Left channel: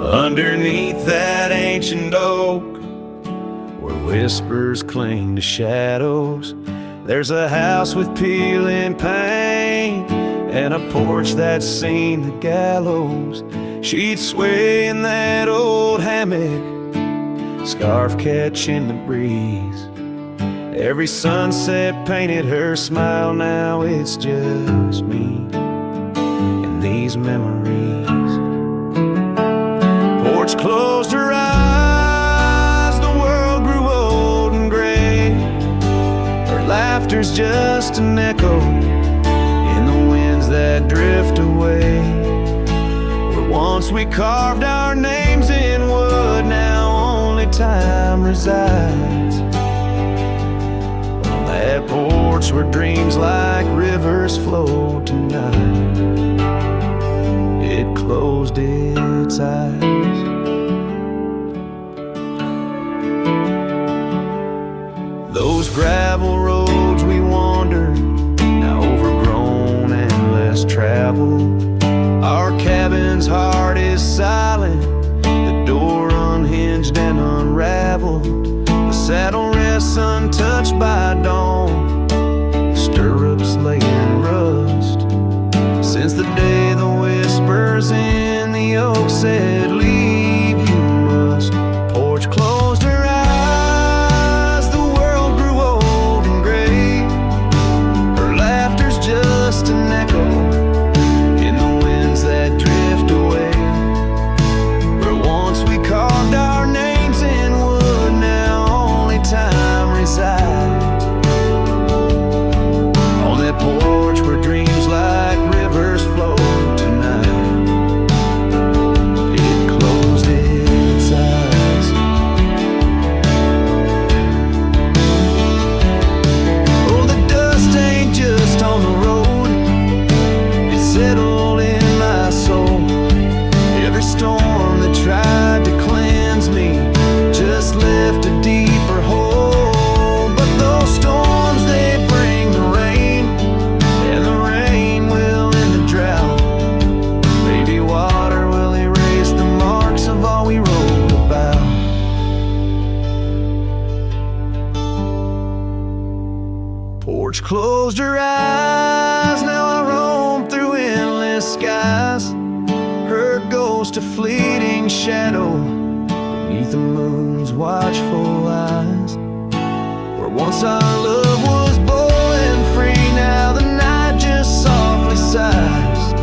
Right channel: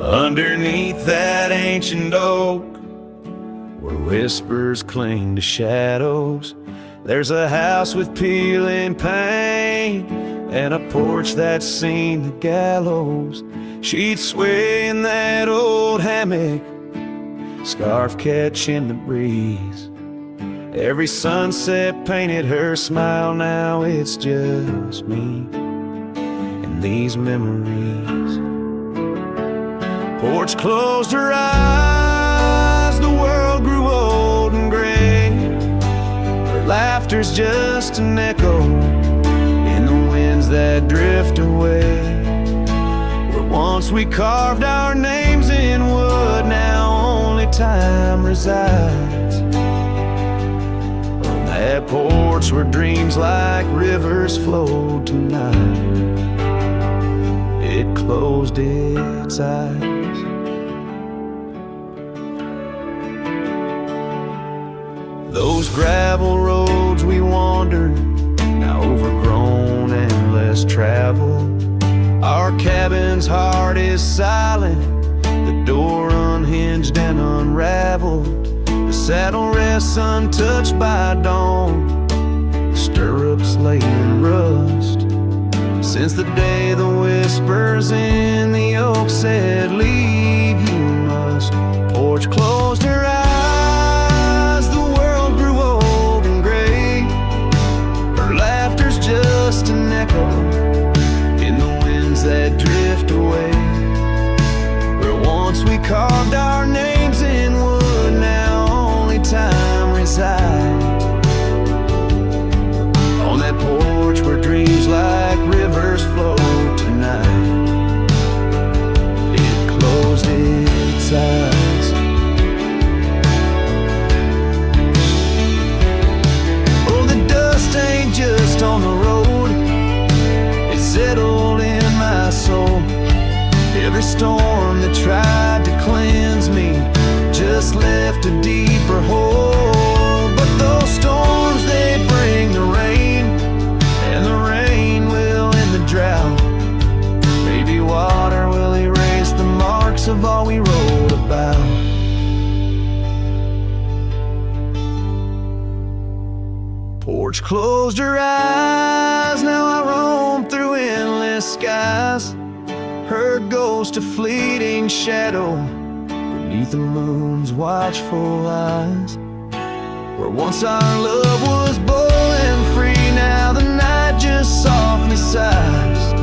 Underneath that ancient oak, where whispers cling to shadows, there's a house with peeling paint and a porch that's seen the gallows. She'd sway in that old hammock, scarf catching the breeze. Every sunset painted her smile, now it's just me and these memories. Porch closed her eyes, the world grew old and gray. Her laughter's just an echo in the winds that drift away. Where once we carved our names in wood, now only time resides. On that porch where dreams like rivers flowed tonight, it closed its eyes. Those gravel roads we wandered, now overgrown and less traveled. Our cabin's heart is silent, the door unhinged and unraveled. The saddle rests untouched by dawn, the stirrups lay in rust. Since the day the whispers in the oak said, "Leave you must." Porch closed her eyes, the world grew old and gray. Her laughter's just an echo in the winds that drift away. Where once we carved our names in wood, now only time resides. On that porch where dreams like rivers flow tonight, it closed its eyes. Oh, the dust ain't just on the road, it settled in my soul. Every storm that tried to cleanse me just left a deeper hole. But those storms, they bring the rain, and the rain will end the drought. Maybe water will erase the marks of all we wrote about. Porch closed her eyes, now I roam through endless skies. Her ghost a fleeting shadow beneath the moon's watchful eyes. Where once our love was bold and free, now the night just softly sighs.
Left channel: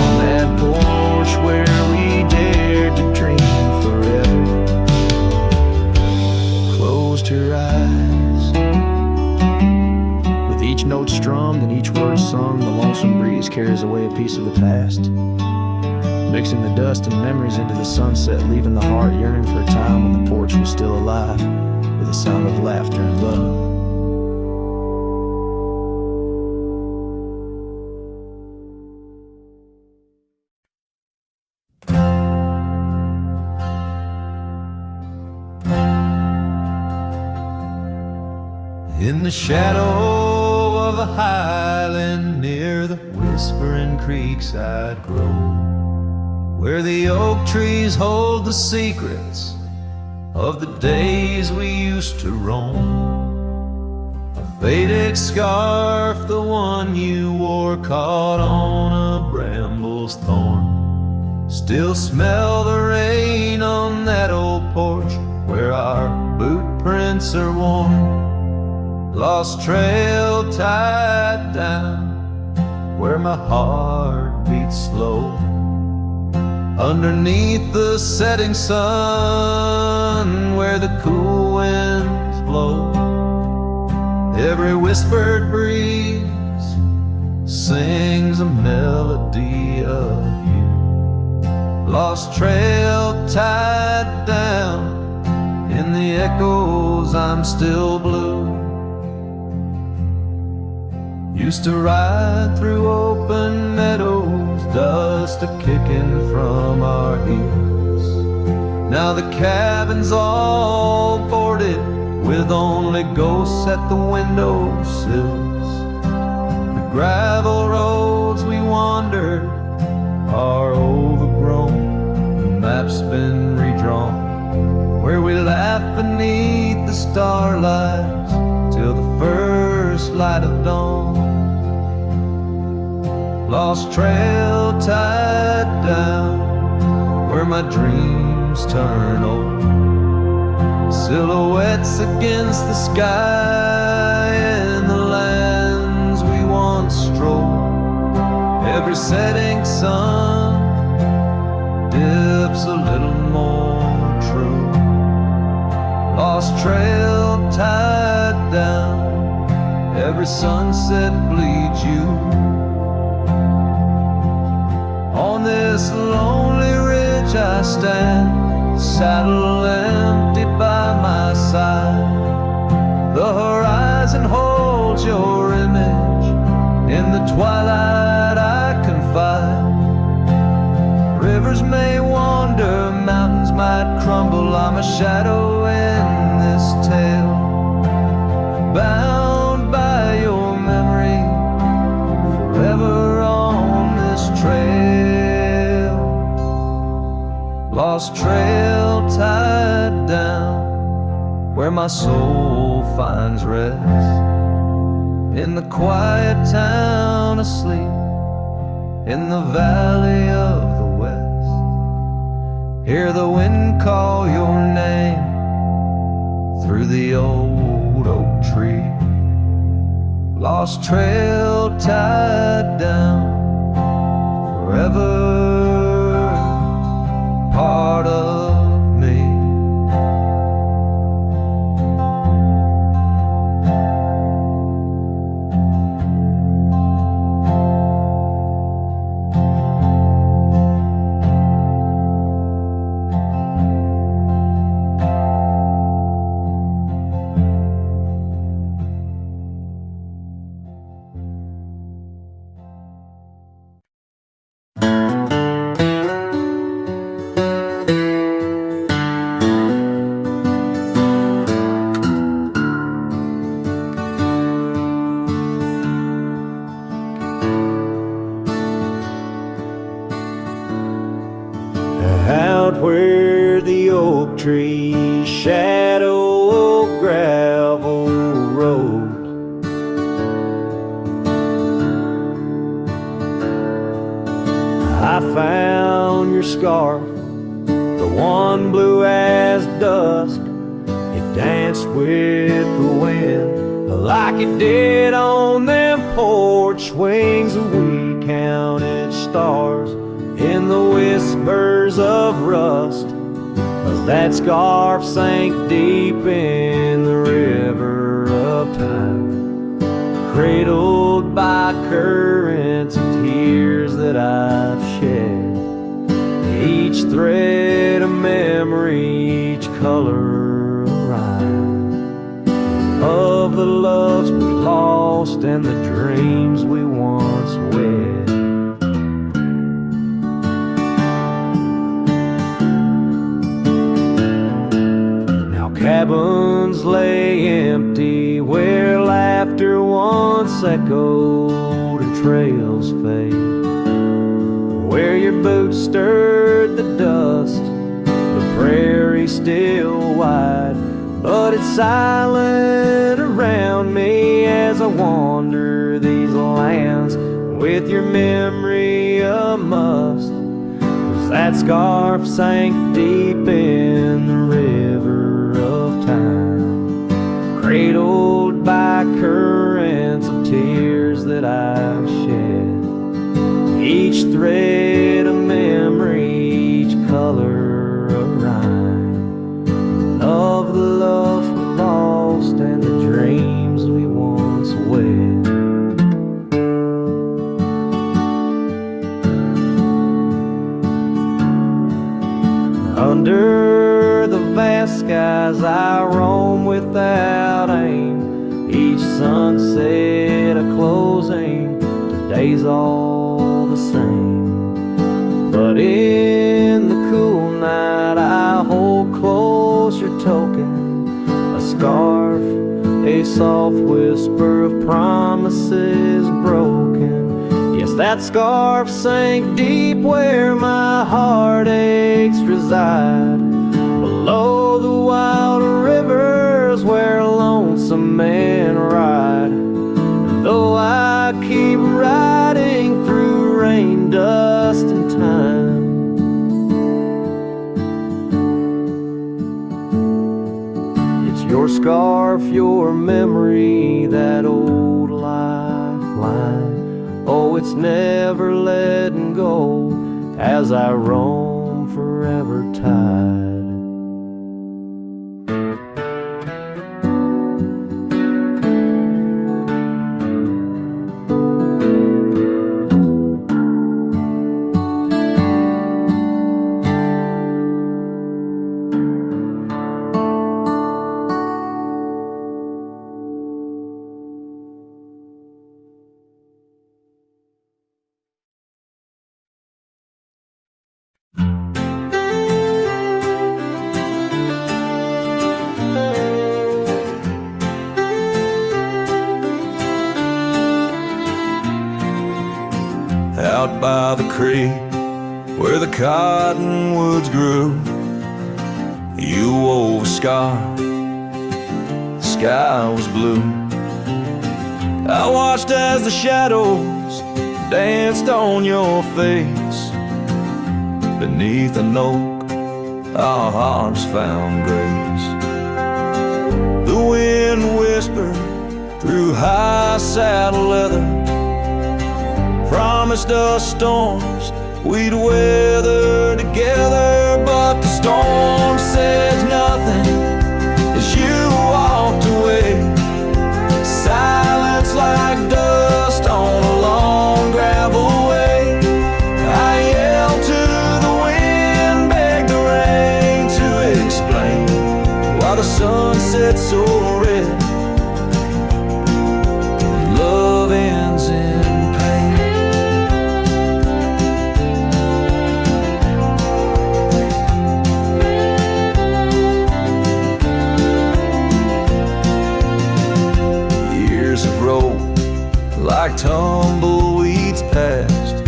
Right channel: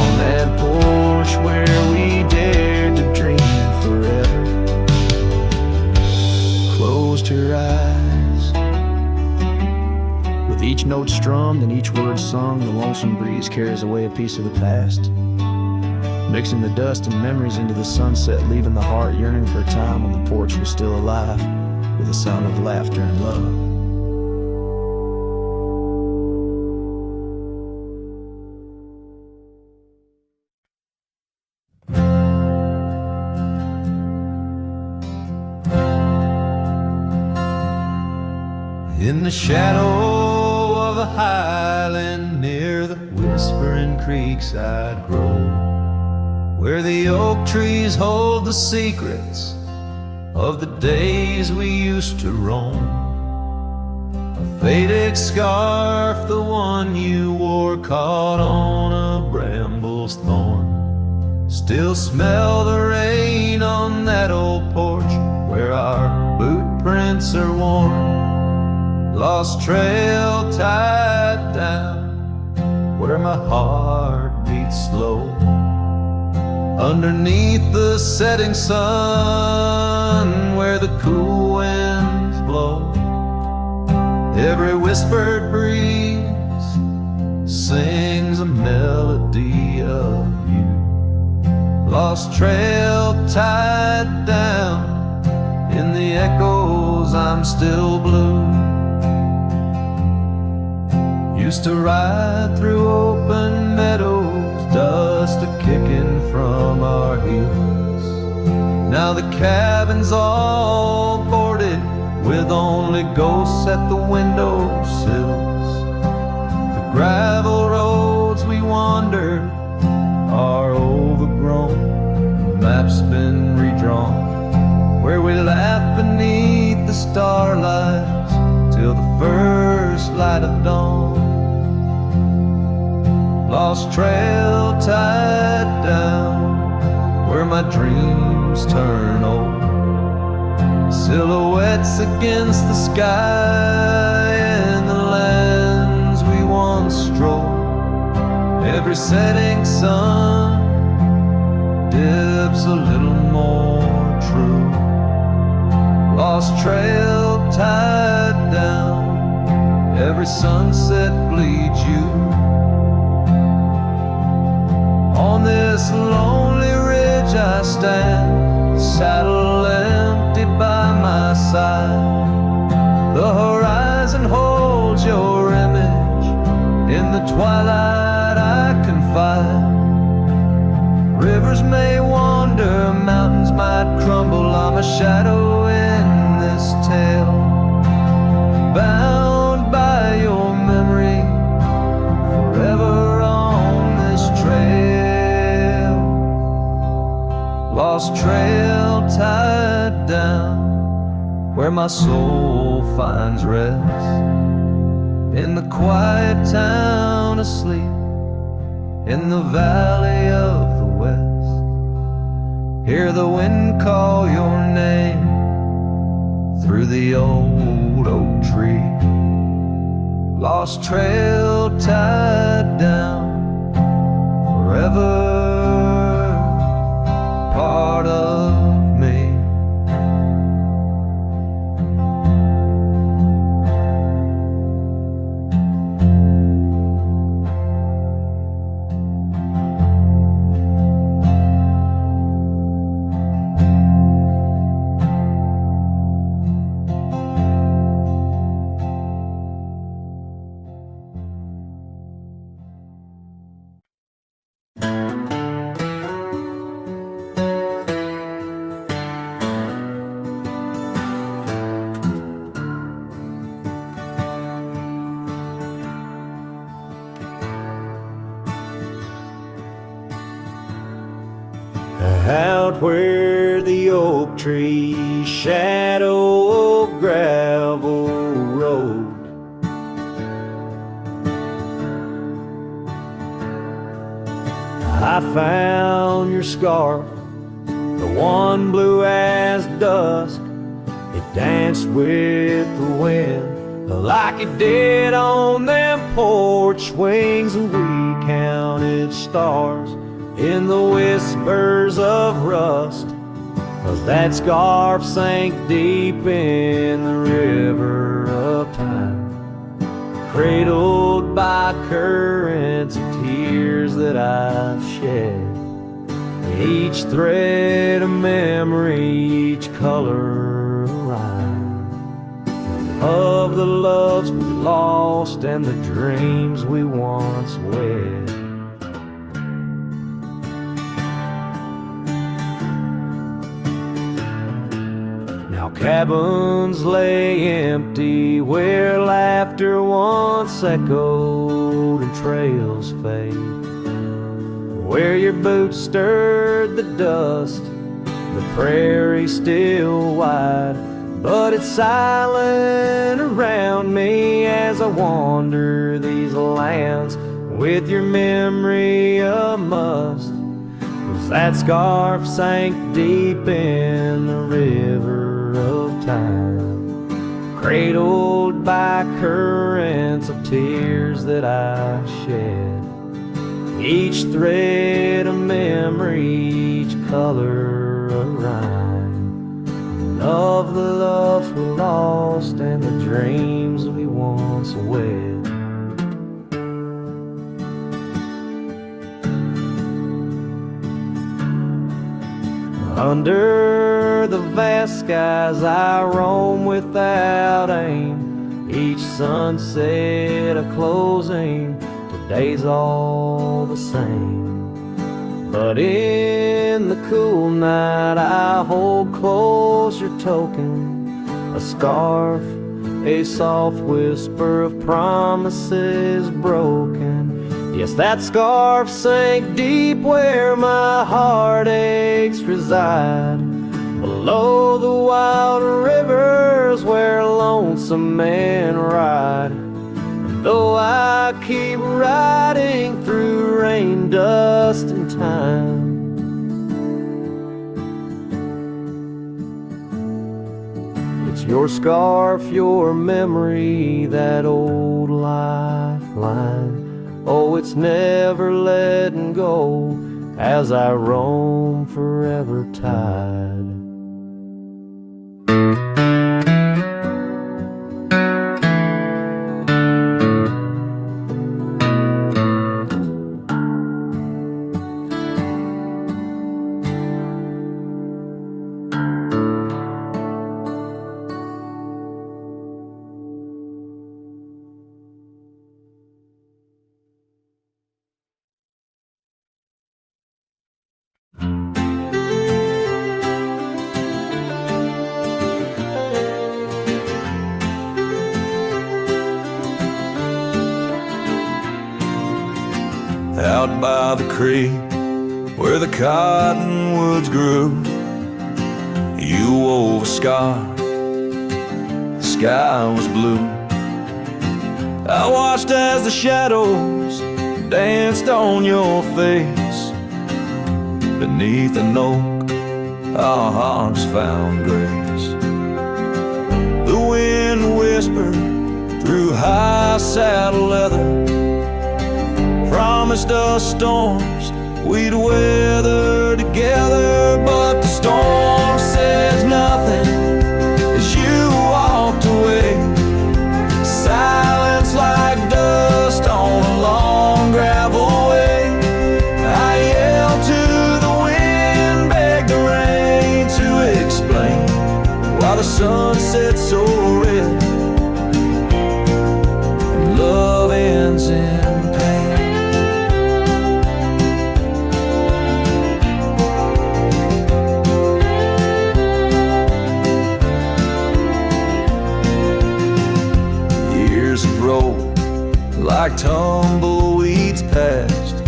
On that porch where we dared to dream forever, closed her eyes. With each note strummed and each word sung, the lonesome breeze carries away a piece of the past, mixing the dust and memories into the sunset, leaving the heart yearning for a time when the porch was still alive, with a sound of laughter and love. In the shadow of a highland near the whispering creekside grove, where the oak trees hold the secrets of the days we used to roam, a faded scarf, the one you wore, caught on a bramble's thorn, still smell the rain on that old porch where our boot prints are worn. Lost trail tied down where my heart beats slow, underneath the setting sun where the cool winds blow. Every whispered breeze sings a melody of you. Lost trail tied down in the echoes, I'm still blue. Used to ride through open meadows, dust a-kicking from our heels. Now the cabin's all boarded with only ghosts at the window sills. gravel roads we wandered are overgrown, the map's been redrawn, where we laugh beneath the starlights till the first light of dawn. Lost trail tied down, where my dreams turn old, silhouettes against the sky and the lands we once strolled. Every setting sun dips a little more true. Lost trail tied down, every sunset bleeds you. On this lonely ridge I stand, saddle empty by my side. The horizon holds your image, in the twilight I confide. Rivers may wander, mountains might crumble, I'm a shadow in this tale, bound by your memory, forever on this trail. Lost trail tied down, where my soul finds rest, in the quiet town asleep, in the valley of the west. Hear the wind call your name through the old oak tree. Lost trail tied down, forever part of me. Out where the oak trees shadow a gravel road, I found your scarf, the one blue as dusk. It danced with the wind like it did on them porch swings, and we counted stars in the whispers of rust, as that scarf sank deep in the river of time, cradled by currents of tears that I've shed. Each thread a memory, each color a rhyme, of the loves we lost and the dreams we once wed. Cabins lay empty where laughter once echoed and trails fade, where your boots stirred the dust, the prairie still wide, but it's silent around me as I wander these lands with your memory a must. That scarf sank deep in the river of time, cradled by currents of tears that I've shed. Each thread a memory, each color a rhyme, of the love we lost and the dreams we once wed. Under the vast skies I roam without aim, each sunset a closing, today's all the same. But in the cool night I hold close your token, a scarf a soft whisper of promises broken. Yes, that scarf sank deep where my heartaches reside, below the wild rivers where lonesome men ride. And though I keep riding through rain, dust, and time, it's your scarf, your memory, that old lifeline. Oh, it's never letting go as I roam forever tied. Out by the creek where the cottonwoods grew, you wove a scarf, the sky was blue. I watched as the shadows danced on your face. Beneath an oak, our hearts found grace. The wind whispered through high saddle leather, promised us storms we'd weather together. But the storm said nothing as you walked away. Silence like dust on a long gravel way. I yelled to the wind, begged the rain to explain why the sun set so red and love ends in pain. Years have rolled like tumbleweeds past.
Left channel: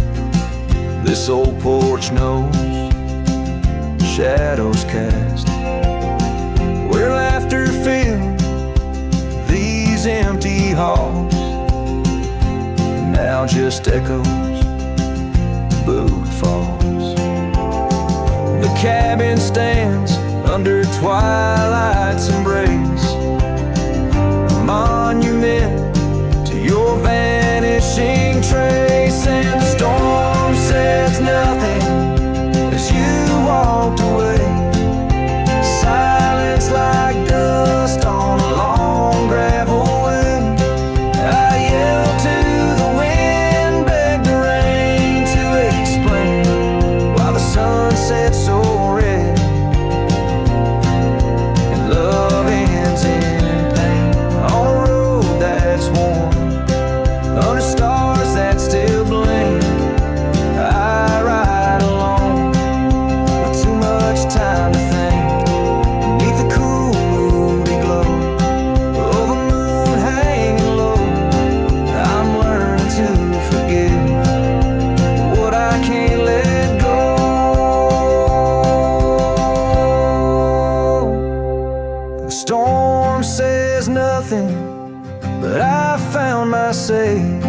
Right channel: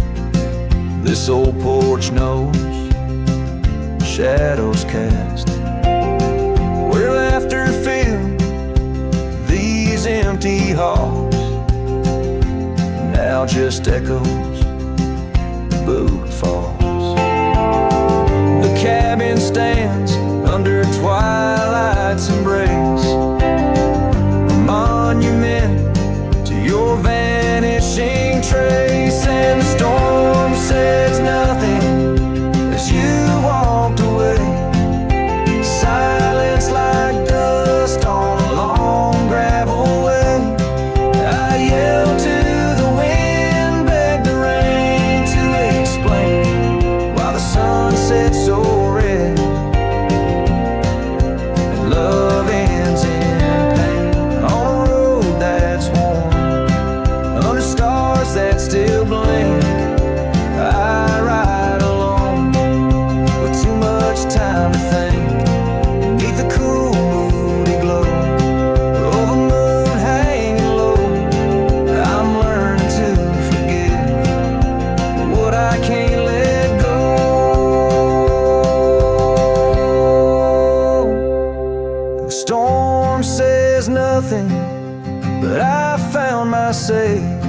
This old porch knows shadows cast, where laughter filled these empty halls. Now just echoes, boot falls. The cabin stands under twilight's embrace, a monument to your vanishing trace. And the storm says nothing as you walked away. Silence like dust on a long gravel way. I yelled to the wind, begged the rain to explain why the sun set so red and love ends in pain. On a road that's worn, under stars that still blink, I ride alone with too much time to think. Beneath the cool, moody glow of a moon hanging low, I'm learning to forgive what I can't let go. The storm says nothing, but I found my say.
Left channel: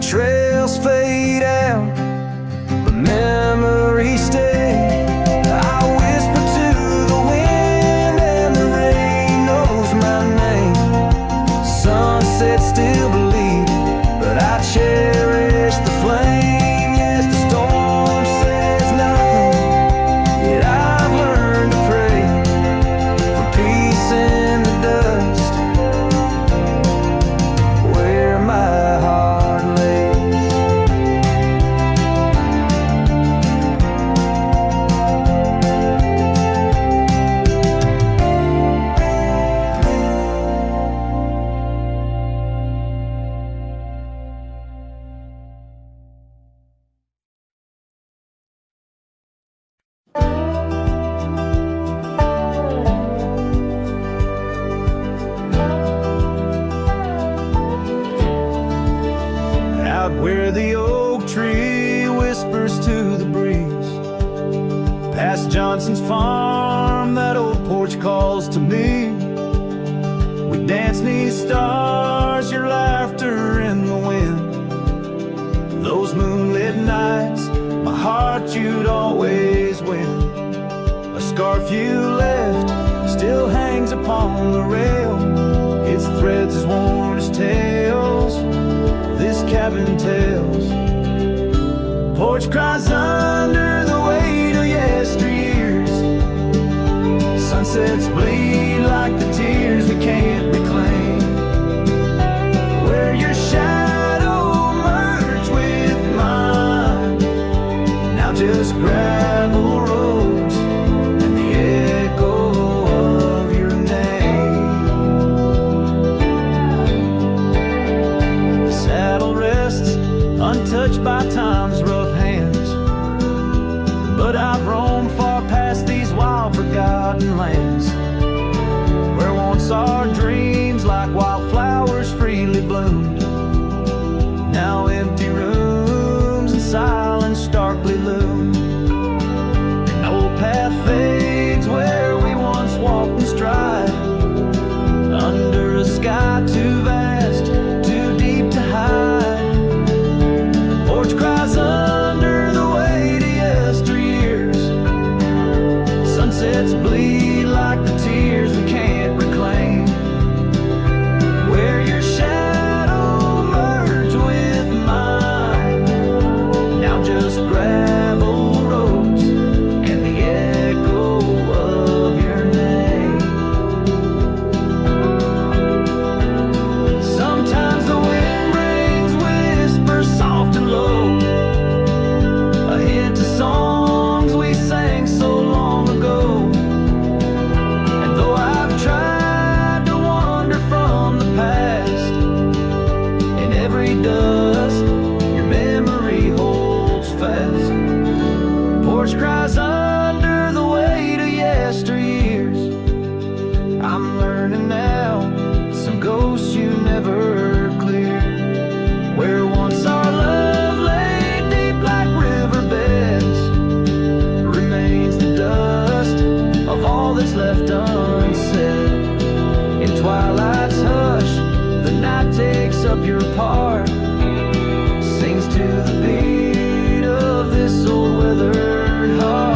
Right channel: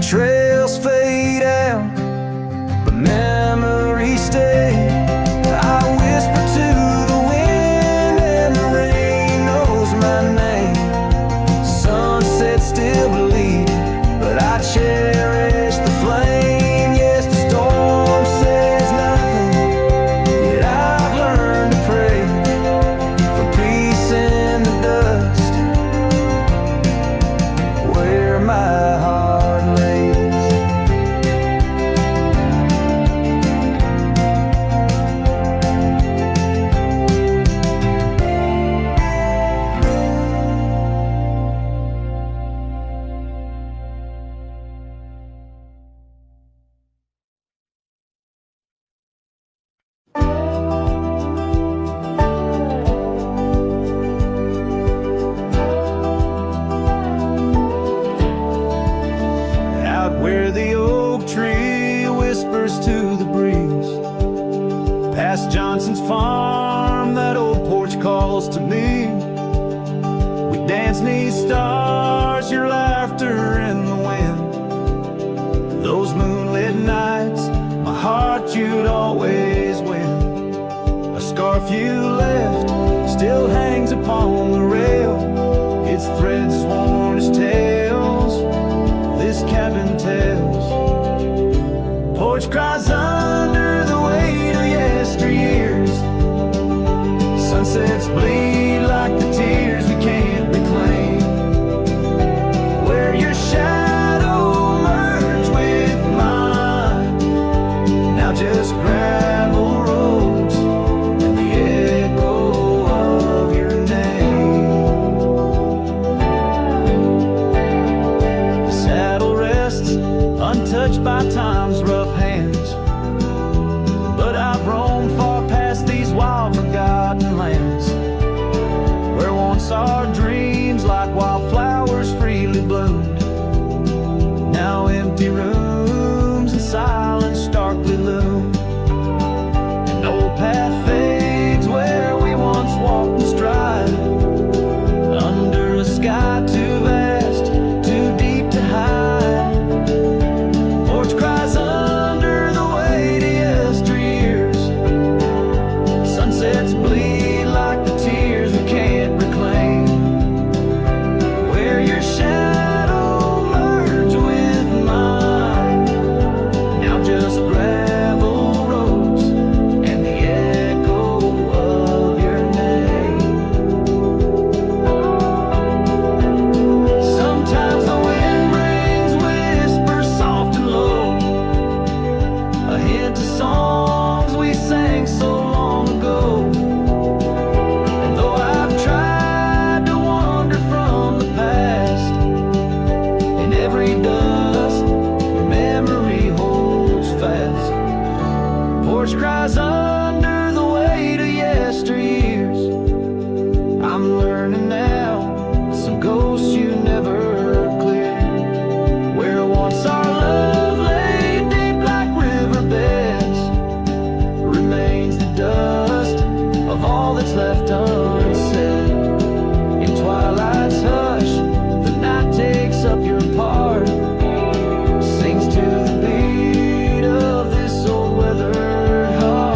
Trails fade out, but memories stay. I whisper to the wind and the rain knows my name. Sunset still bleeding, but I cherish the flame. Yes, the storm says nothing, yet I've learned to pray for peace in the dust where my heart lays. out where the oak tree whispers to the breeze. Past Johnson's farm, that old porch calls to me. We dance 'neath stars, your laughter in the wind. Those moonlit nights, my heart you'd always win. A scarf you left still hangs upon the rail. Its threads as worn as tales this cabin tells. Porch cries under the weight of yesteryears. Sunsets bleed like the tears we can't reclaim. Where your shadow merged with mine, now just gravel roads and the echo of your name. The saddle rests untouched by time's rough hands, but I've roamed far past these wild forgotten lands, where once our dreams like wildflowers freely bloomed. Now empty rooms and silence starkly loom. An old path fades where we once walked in stride, under a sky too vast, too deep to hide. Porch cries under the weight of yesteryears. Sunsets bleed like the tears we can't reclaim. Where your shadow merged with mine, now just gravel roads and the echo of your name. Sometimes the wind brings whispers soft and low, a hint of songs we sang so long ago. And though I've tried to wander from the past, in every dust your memory holds fast. Porch cries under the weight of yesteryears. I'm learning now, some ghosts you never cleared. Where once our love lay deep like riverbeds, remains the dust of all that's left unsaid. In twilight's hush, the night takes up your part, sings to the beat of this old weathered heart.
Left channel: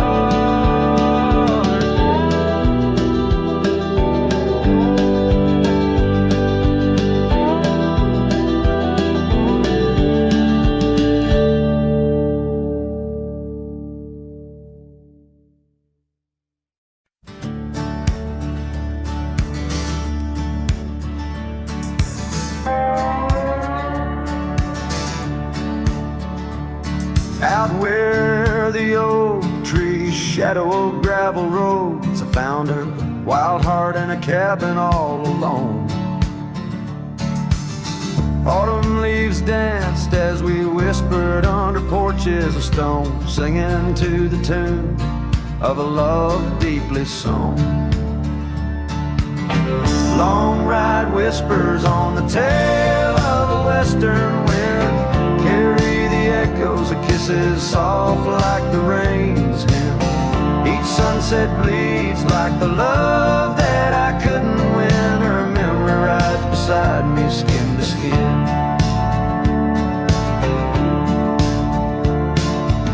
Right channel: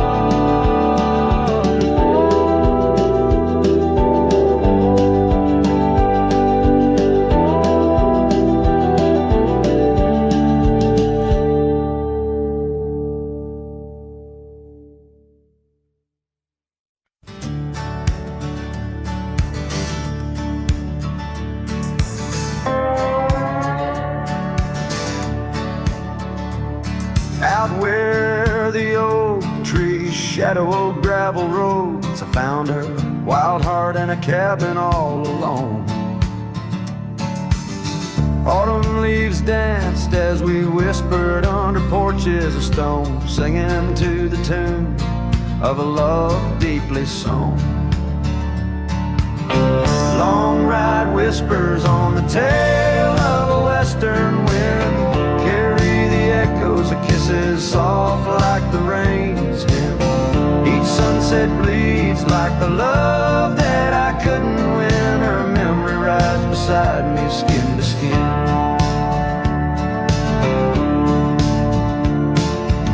Out where the oak trees shadow old gravel roads, I found her, wild heart in a cabin all alone. Autumn leaves danced as we whispered under porches of stone, singing to the tune of a love deeply sown. Long ride whispers on the tail of a western wind carry the echoes of kisses soft like the rain's hymn. Each sunset bleeds like the love that I couldn't win. Her memory rides beside me skin to skin.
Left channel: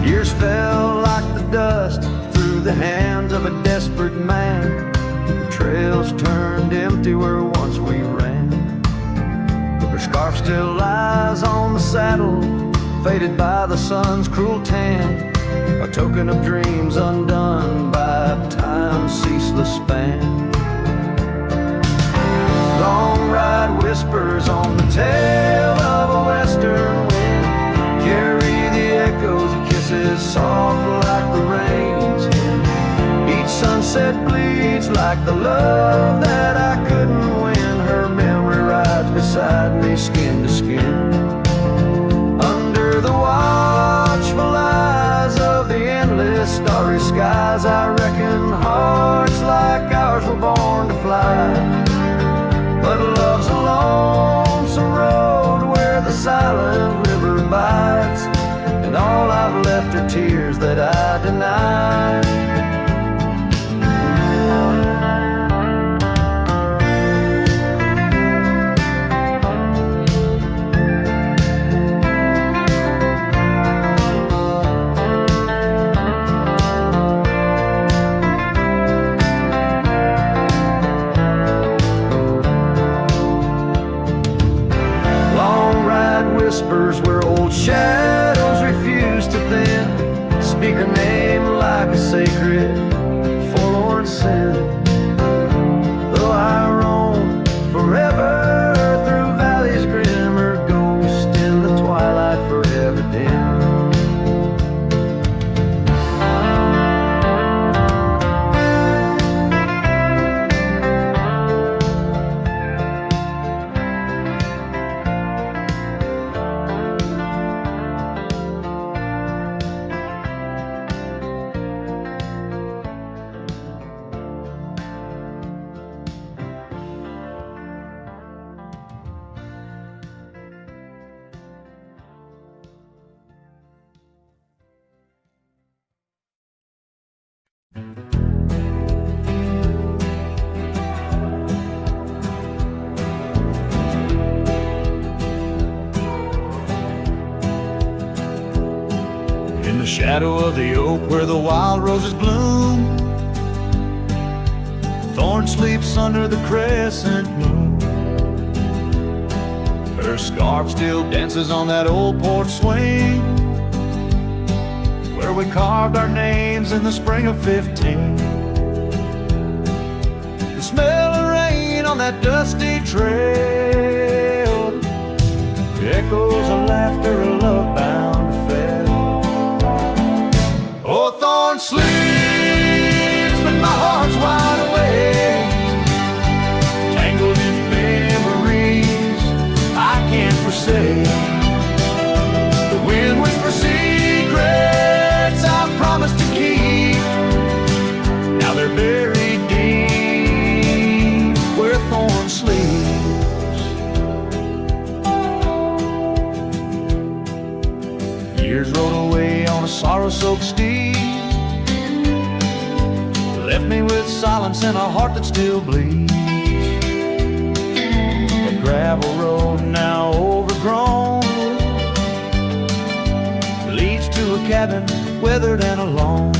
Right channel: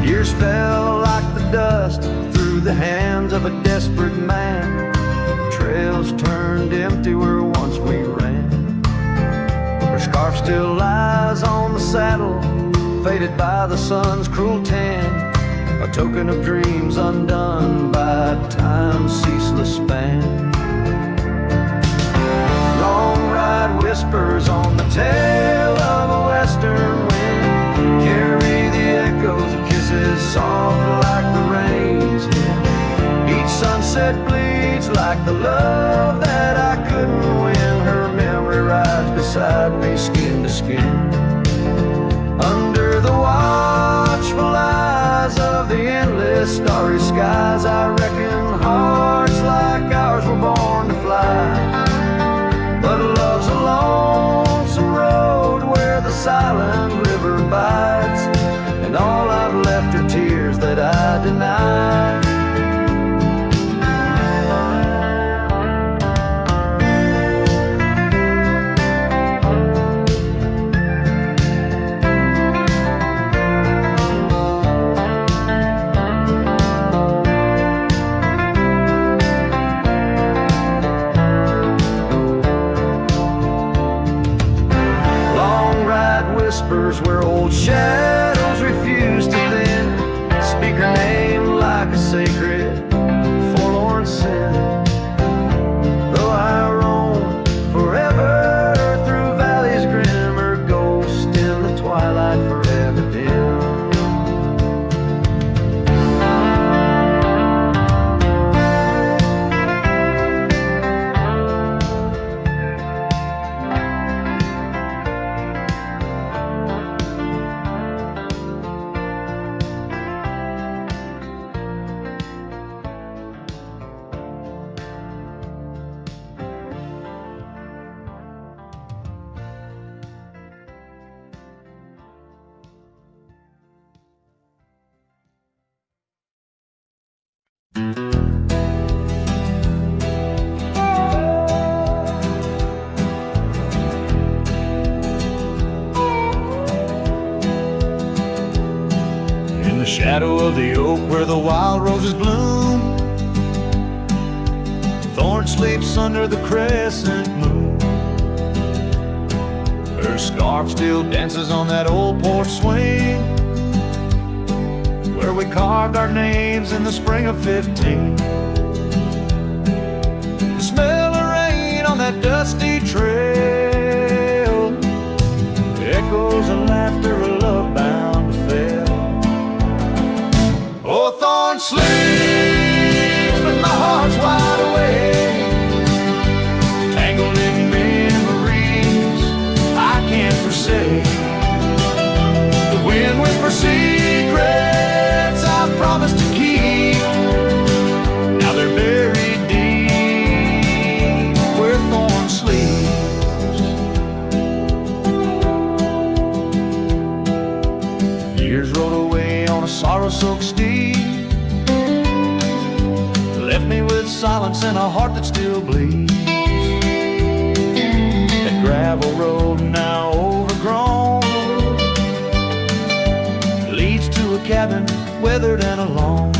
Years fell like the dust through the hands of a desperate man. The trails turned empty where once we ran. Her scarf still lies on the saddle, faded by the sun's cruel tan, a token of dreams undone by time's ceaseless span. Long ride whispers on the tail of a western wind carry the echoes of kisses soft like the rain's hymn. Each sunset bleeds like the love that I couldn't win. Her memory rides beside me skin to skin. Under the watchful eyes of the endless starry skies, I reckon hearts like ours were born to fly. But love's a lonesome road where the silent river bites, and all I've left are tears that I deny. Whispers where old shadows refuse to thin, speak her name like a sacred, forlorn sin. Though I roam forever through valleys grim, or ghost in the twilight forever dim. In the shadow of the oak where the wild roses bloom, Thorn sleeps under the crescent moon. Her scarf still dances on that old porch swing, where we carved our names in the spring of 15. The smell of rain on that dusty trail echoes of laughter, a love bound to fail. Oh, Thorn sleeps, but my heart's wide awake, tangled in memories I can't forsake. The wind whispers secrets I promised to keep, now they're buried deep where Thorn sleeps. Years rode away on a sorrow-soaked steed, left me with silence and a heart that still bleeds. That gravel road now overgrown leads to a cabin weathered and alone.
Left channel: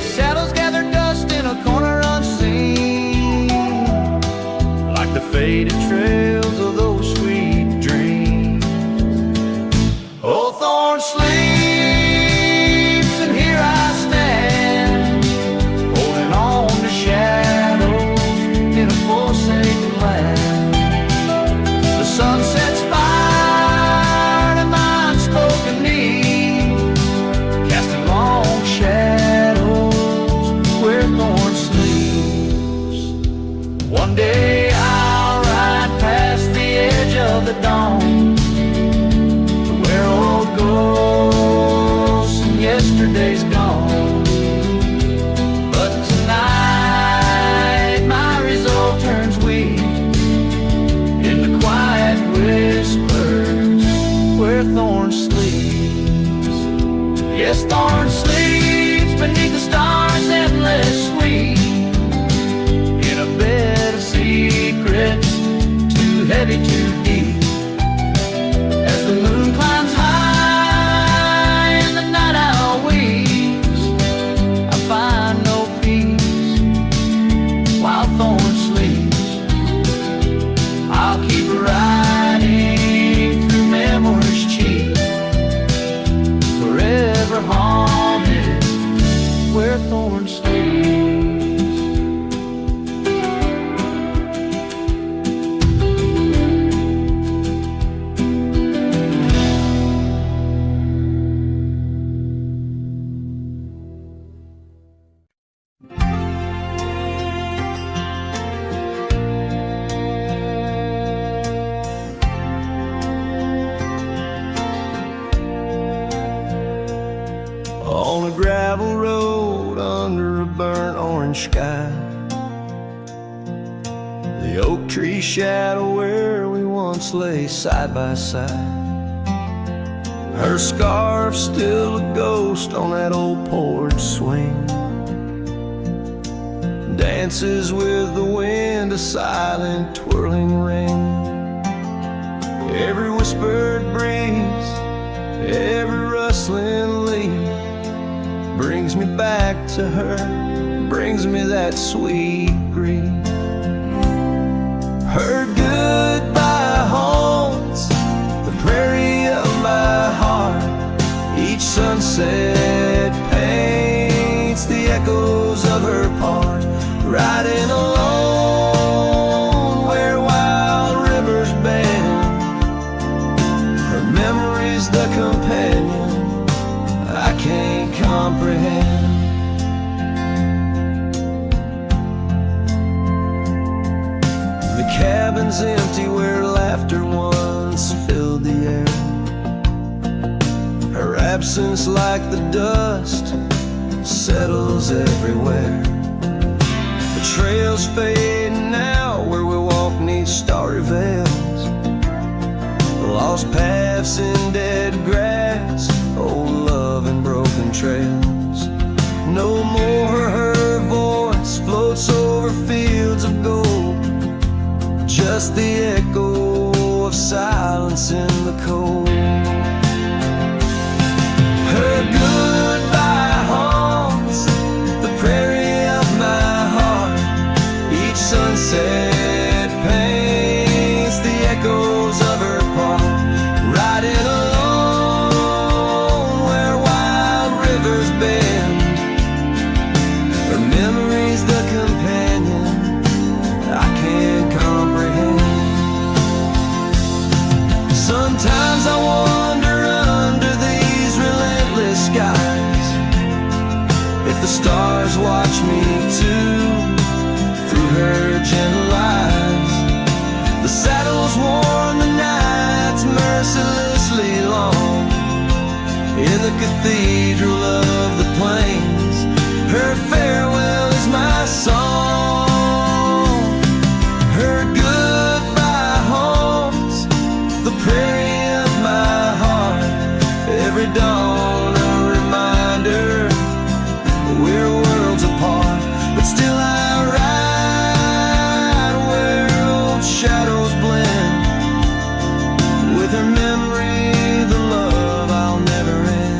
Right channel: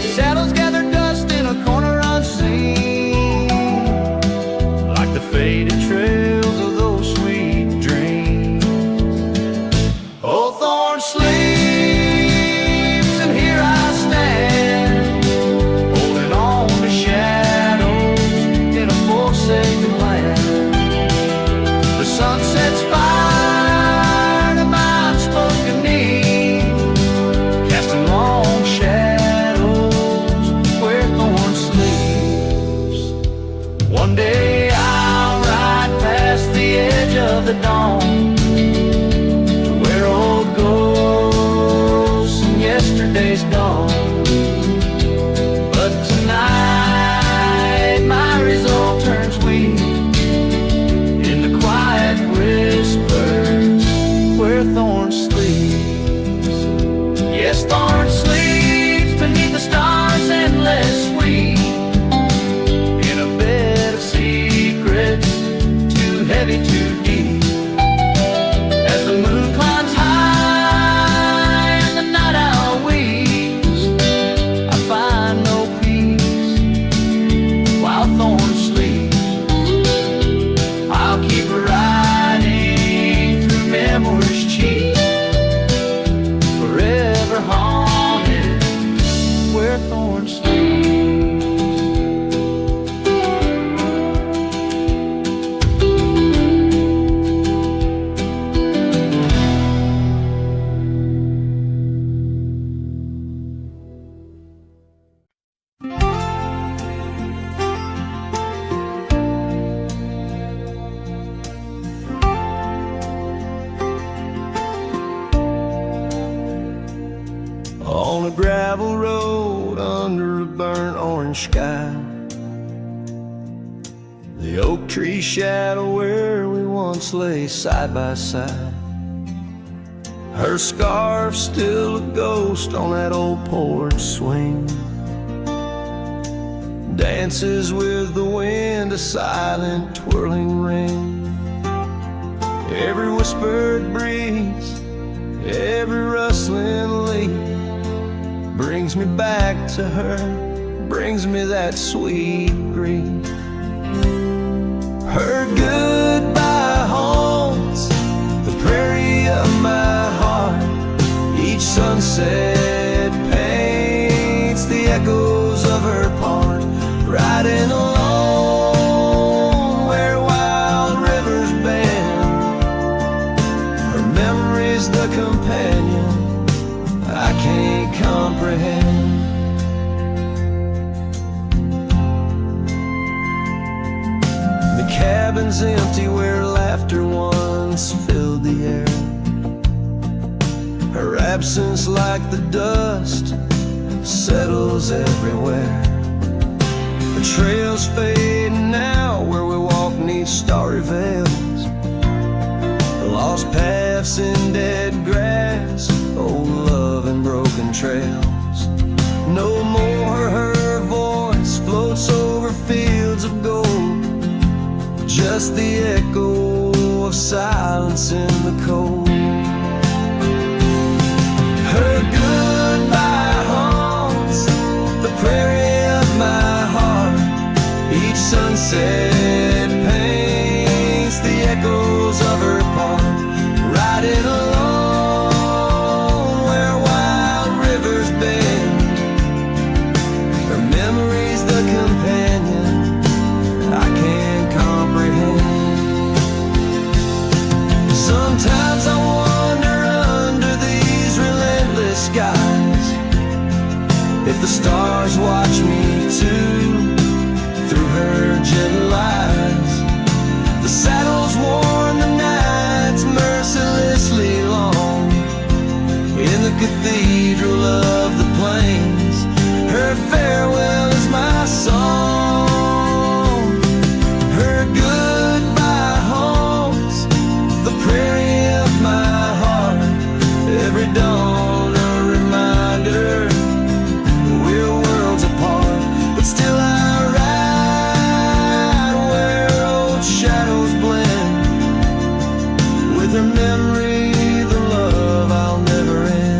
Saddles gather dust in a corner unseen, like the faded trails of those sweet dreams. Oh, Thorn sleeps, and here I stand, holding on to shadows in a forsaken land. The sun sets fire to my unspoken need, casting long shadows where Thorn sleeps. One day I'll ride past the edge of the dawn, where old ghosts and yesterday's gone. But tonight my resolve turns weak in the quiet whispers where Thorn sleeps. Yes, Thorn sleeps beneath the stars endless sweet, in a bed of secrets too heavy, too deep. As the moon climbs high and the night owl weeps, I find no peace while Thorn sleeps. I'll keep riding through memories cheap, forever haunted where Thorn sleeps. On a gravel under a burnt orange sky. The oak tree shadow where we once lay side by side. Her scarf still a ghost on that old porch swing, dances with the wind, a silent twirling ring. Every whispered breeze, every rustling leaf brings me back to her, brings me that sweet grief. Her goodbye haunts the prairie of my heart. Each sunset paints the echoes of her part. Riding alone where wild rivers bend, her memory's the companion I can't comprehend. The cabin's empty where laughter once filled the air. Her absence, like the dust, settles everywhere. The trails fade now where we walk neath starry veils, lost paths in dead grass, old love and broken trails. No more her voice floats over fields of gold, just the echo of silence in the cold. Her goodbye haunts the prairie of my heart. Each sunset paints the echoes of her part. Riding alone where wild rivers bend, her memory's the companion I can't comprehend. Sometimes I wonder under these relentless skies if the stars watch me too, through her gentle eyes. The saddle's worn, the nights mercilessly long, in the cathedral of the plains, her farewell is my song. Her goodbye haunts the prairie of my heart. Every dawn a reminder we're worlds apart, but still I ride where old shadows blend, with her memory the love I'll never end.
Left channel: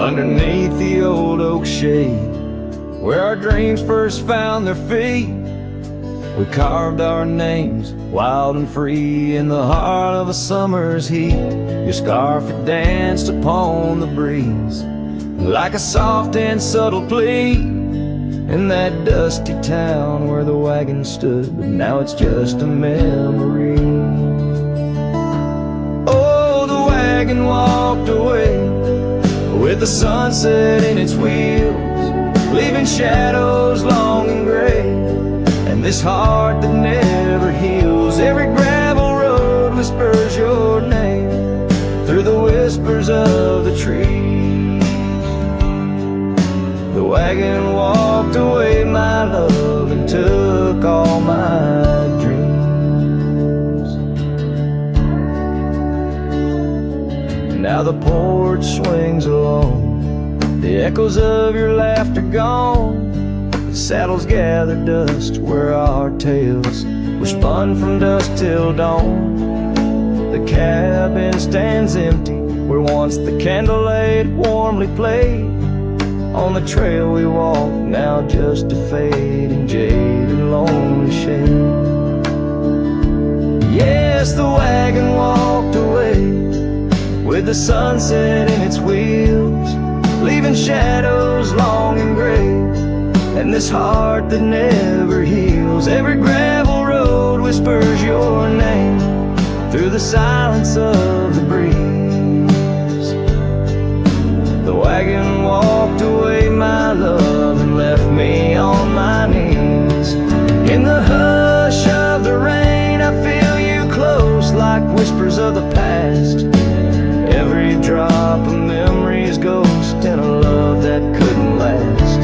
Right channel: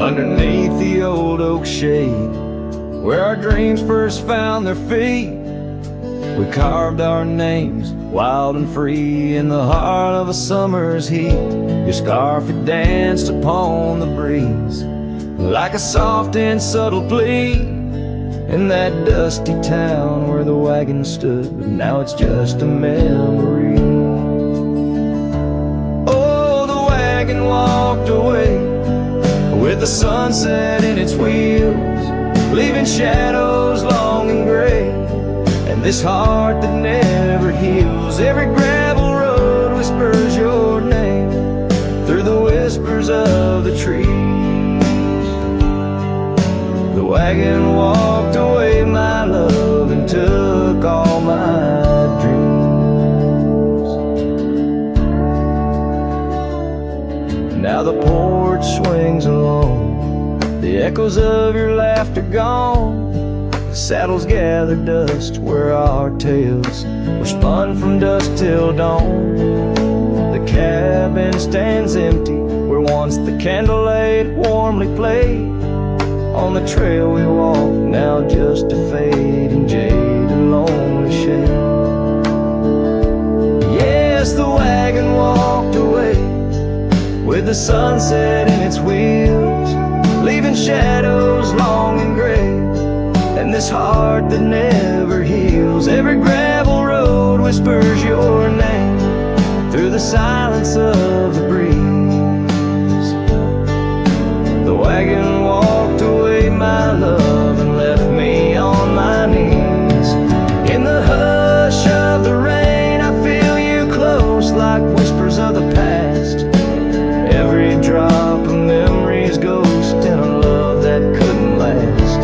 Underneath the old oak shade, where our dreams first found their feet, we carved our names, wild and free, in the heart of a summer's heat. Your scarf had danced upon the breeze, like a soft and subtle plea, in that dusty town where the wagon stood, but now it's just a memory. Oh, the wagon walked away with the sunset in its wheels, leaving shadows long and gray, and this heart that never heals. Every gravel road whispers your name through the whispers of the trees. The wagon walked away, my love, and took all my dreams. Now the porch swings alone, the echoes of your laughter gone. The saddles gather dust where our tales were spun from dusk till dawn. The cabin stands empty where once the candlelight warmly played. On the trail we walk, now just a fading jade and lonely shade. Yes, the wagon walked away with the sunset in its wheels, leaving shadows long and gray, and this heart that never heals. Every gravel road whispers your name through the silence of the breeze. The wagon walked away, my love, and left me on my knees. In the hush of the rain, I feel you close like whispers of the past. Every drop of memory's ghost in a love that couldn't last.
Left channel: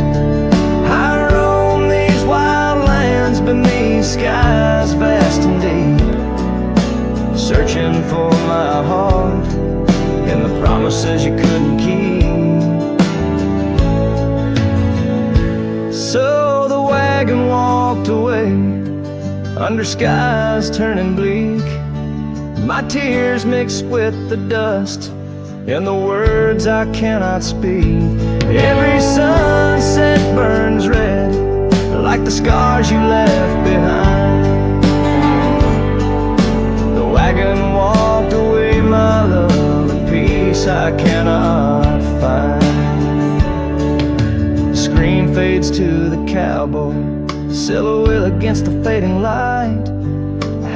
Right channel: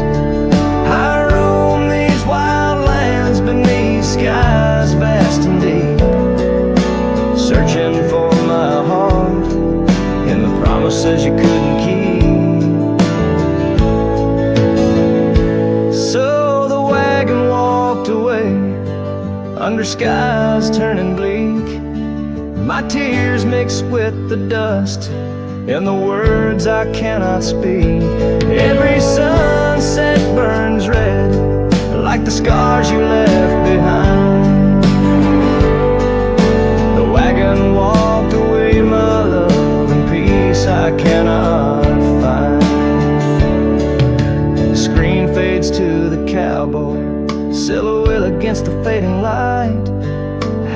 I roam these wild lands beneath skies vast and deep, searching for my heart in the promises you couldn't keep. So the wagon walked away under skies turning bleak. My tears mixed with the dust and the words I cannot speak. Every sunset burns red like the scars you left behind. The wagon walked away, my love, and peace I cannot find. The screen fades to the cowboy, silhouette against the fading light.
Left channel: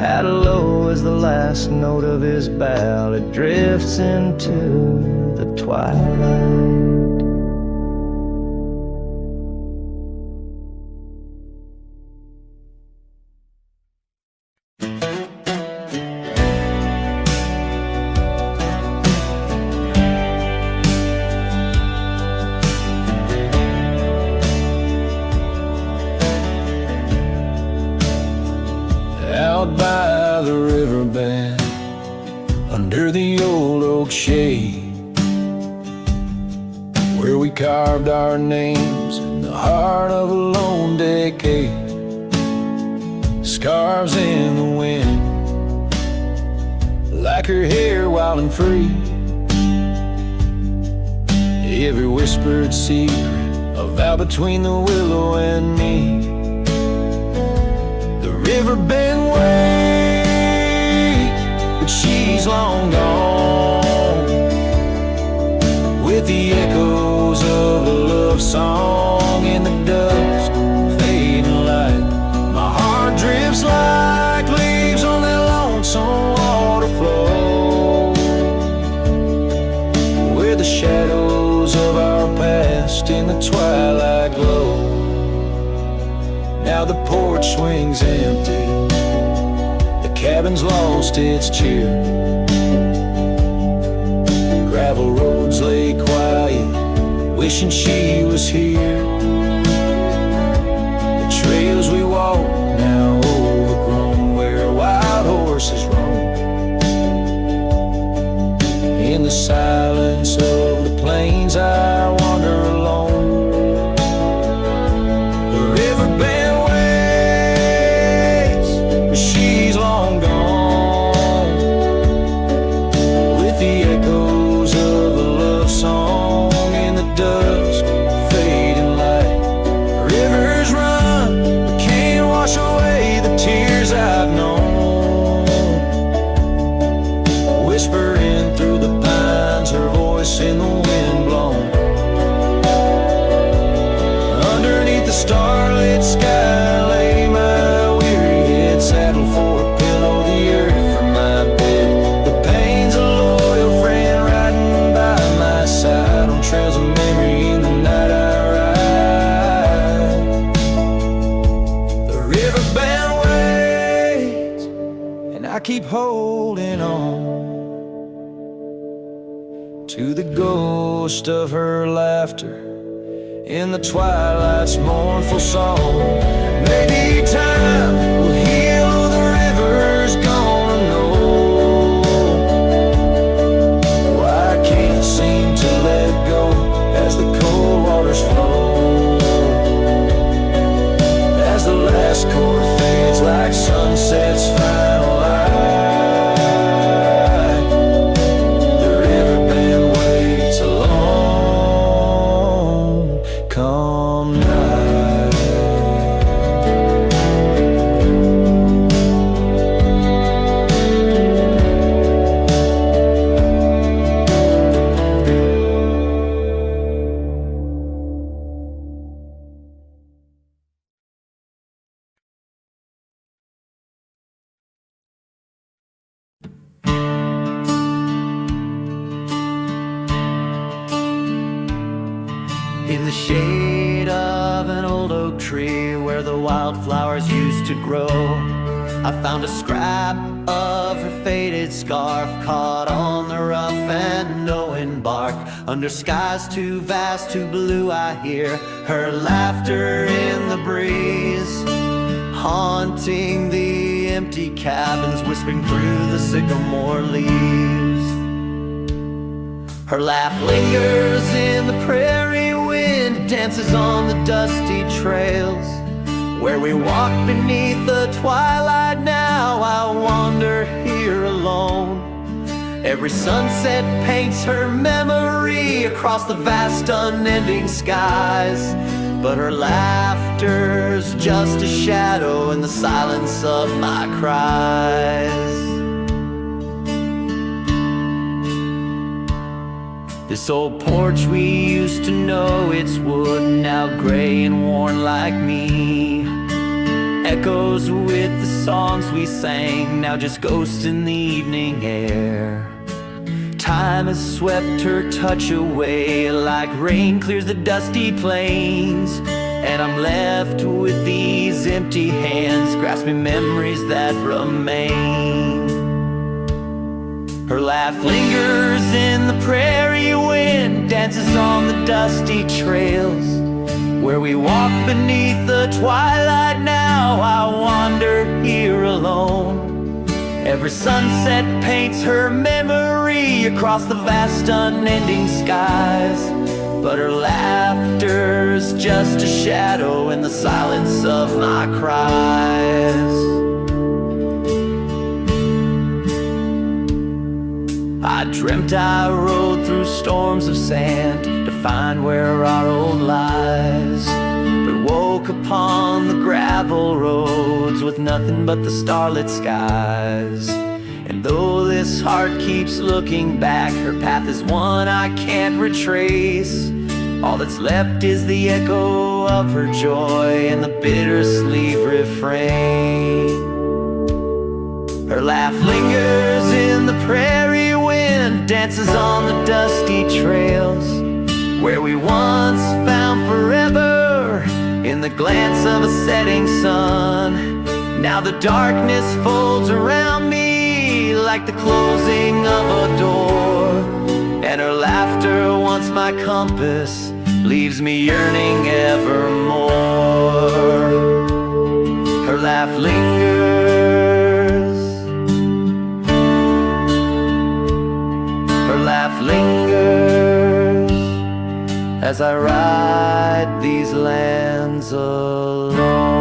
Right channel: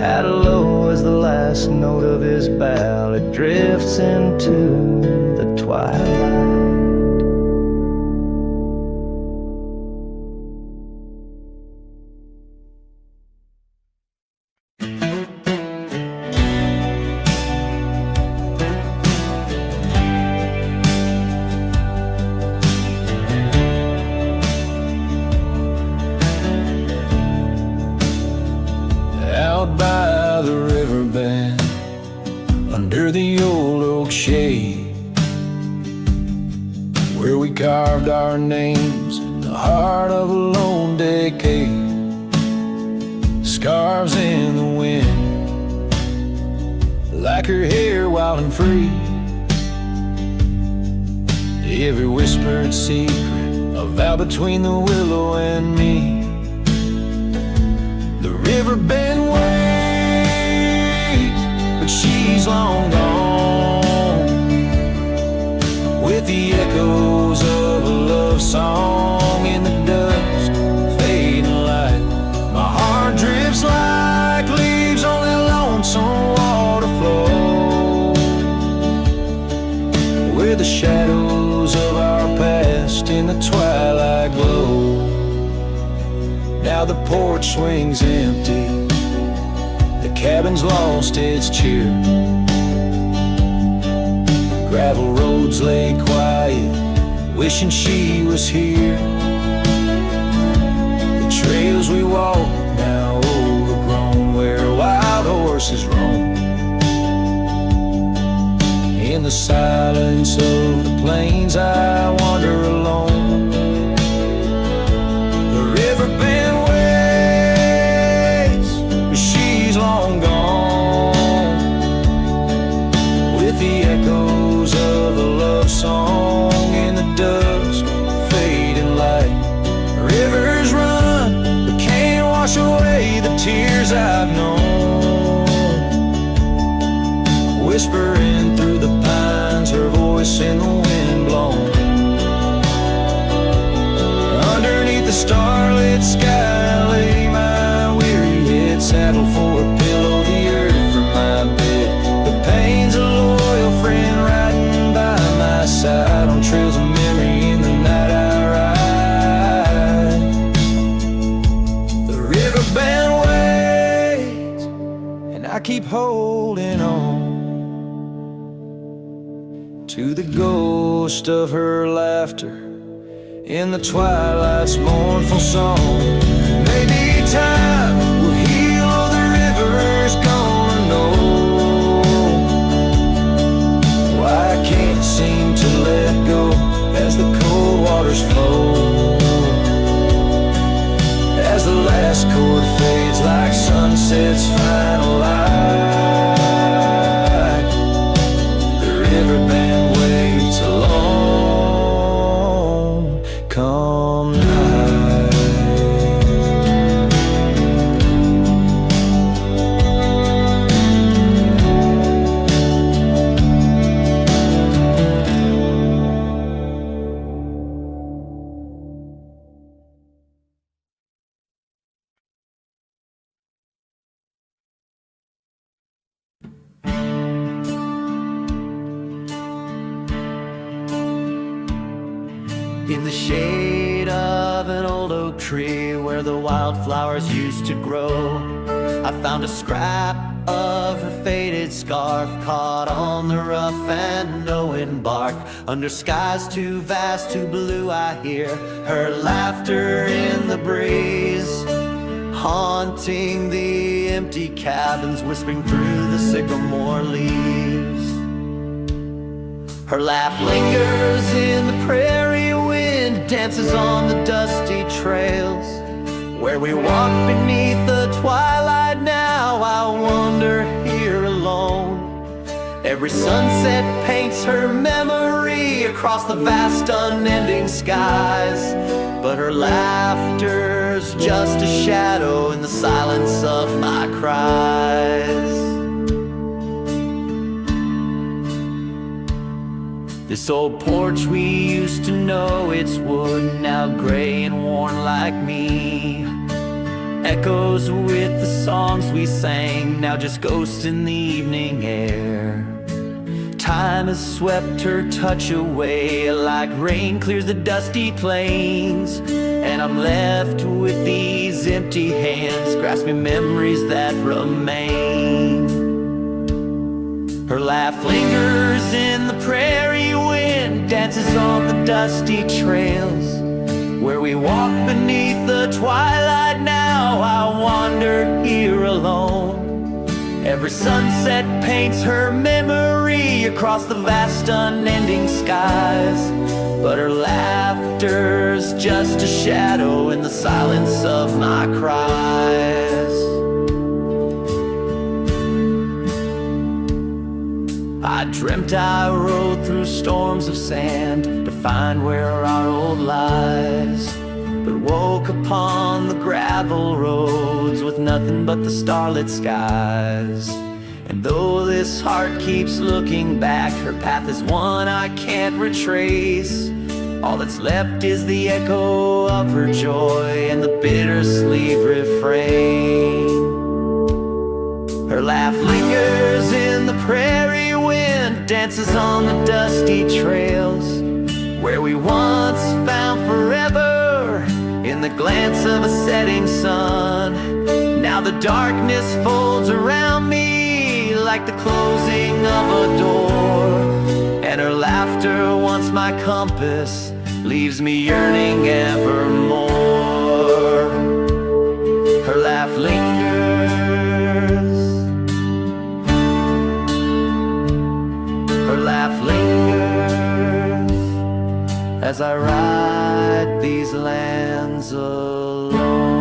Hat low as the last note of his ballad drifts into the twilight. Out by the riverbed, under the old oak shade, where we carved our names in the heart of a lone decade. Scarves in the wind, like her hair wild and free. Every whispered secret, a vow between the willow and me. The river bend waits, but she's long gone, with the echoes of a love song in the dust, fading light. My heart drifts like leaves on that lonesome water flow, where the shadows of our past in the twilight glow. Now the porch swings empty, the cabin's lost its cheer. Gravel roads lay quiet, wishing she was here. The trails we walk now overgrown, where wild horses roam. In the silence of the plains I wander alone. The river bend waits, but she's long gone, with the echoes of a love song in the dust, fading light. Rivers run, but can't wash away the tears I've known. Whispering through the pines, her voice in the wind blown. Underneath the starlit sky lay my weary head, saddled for a pillow, the earth for my bed. The pain's a loyal friend riding by my side, on trails of memory in the night I ride. The river bend waits, and I keep holding on to the ghost of her laughter in the twilight's mournful song. Maybe time will heal, the river's gonna know why I can't seem to let go as the cold waters flow. As the last chord fades like sunset's final light, the river bend waits alone come night. In the shade of an old oak tree where the wildflowers used to grow, I found a scrap of her faded scarf caught on the rough and knowing bark. Under skies too vast, too blue, I hear her laughter in the breeze, haunting the empty cabins, whispering through the sycamore leaves. Her laugh lingers in the prairie wind, dances on the dusty trails where we walk beneath the twilight. Now I wander here alone. Every sunset paints her memory across the vast unending skies, but her laughter's just a shadow in the silence of my cries. This old porch we used to know, it's wood now gray and worn like me, echoes with the songs we sang, now just ghosts in the evening air. Time has swept her touch away like rain clears the dusty plains, and I'm left with these empty hands grasping memories that remain. Her laugh lingers in the prairie wind, dances on the dusty trails where we walk beneath the twilight. Now I wander here alone. Every sunset paints her memory across the vast unending skies, but her laughter's just a shadow in the silence of my cries. I dreamt I rode through storms of sand to find where our old lies, but woke upon the gravel roads with nothing but the starlit skies. And though this heart keeps looking back, her path is one I can't retrace. All that's left is the echo of her joy and the bittersweet refrain. Her laugh lingers in the prairie wind, dances on the dusty trails where we once found forever in the glance of a setting sun. Now the darkness folds around me like the closing of a door, and her laughter, once my compass, leaves me yearning evermore. Her laugh lingers, her laugh lingers as I ride these lands alone.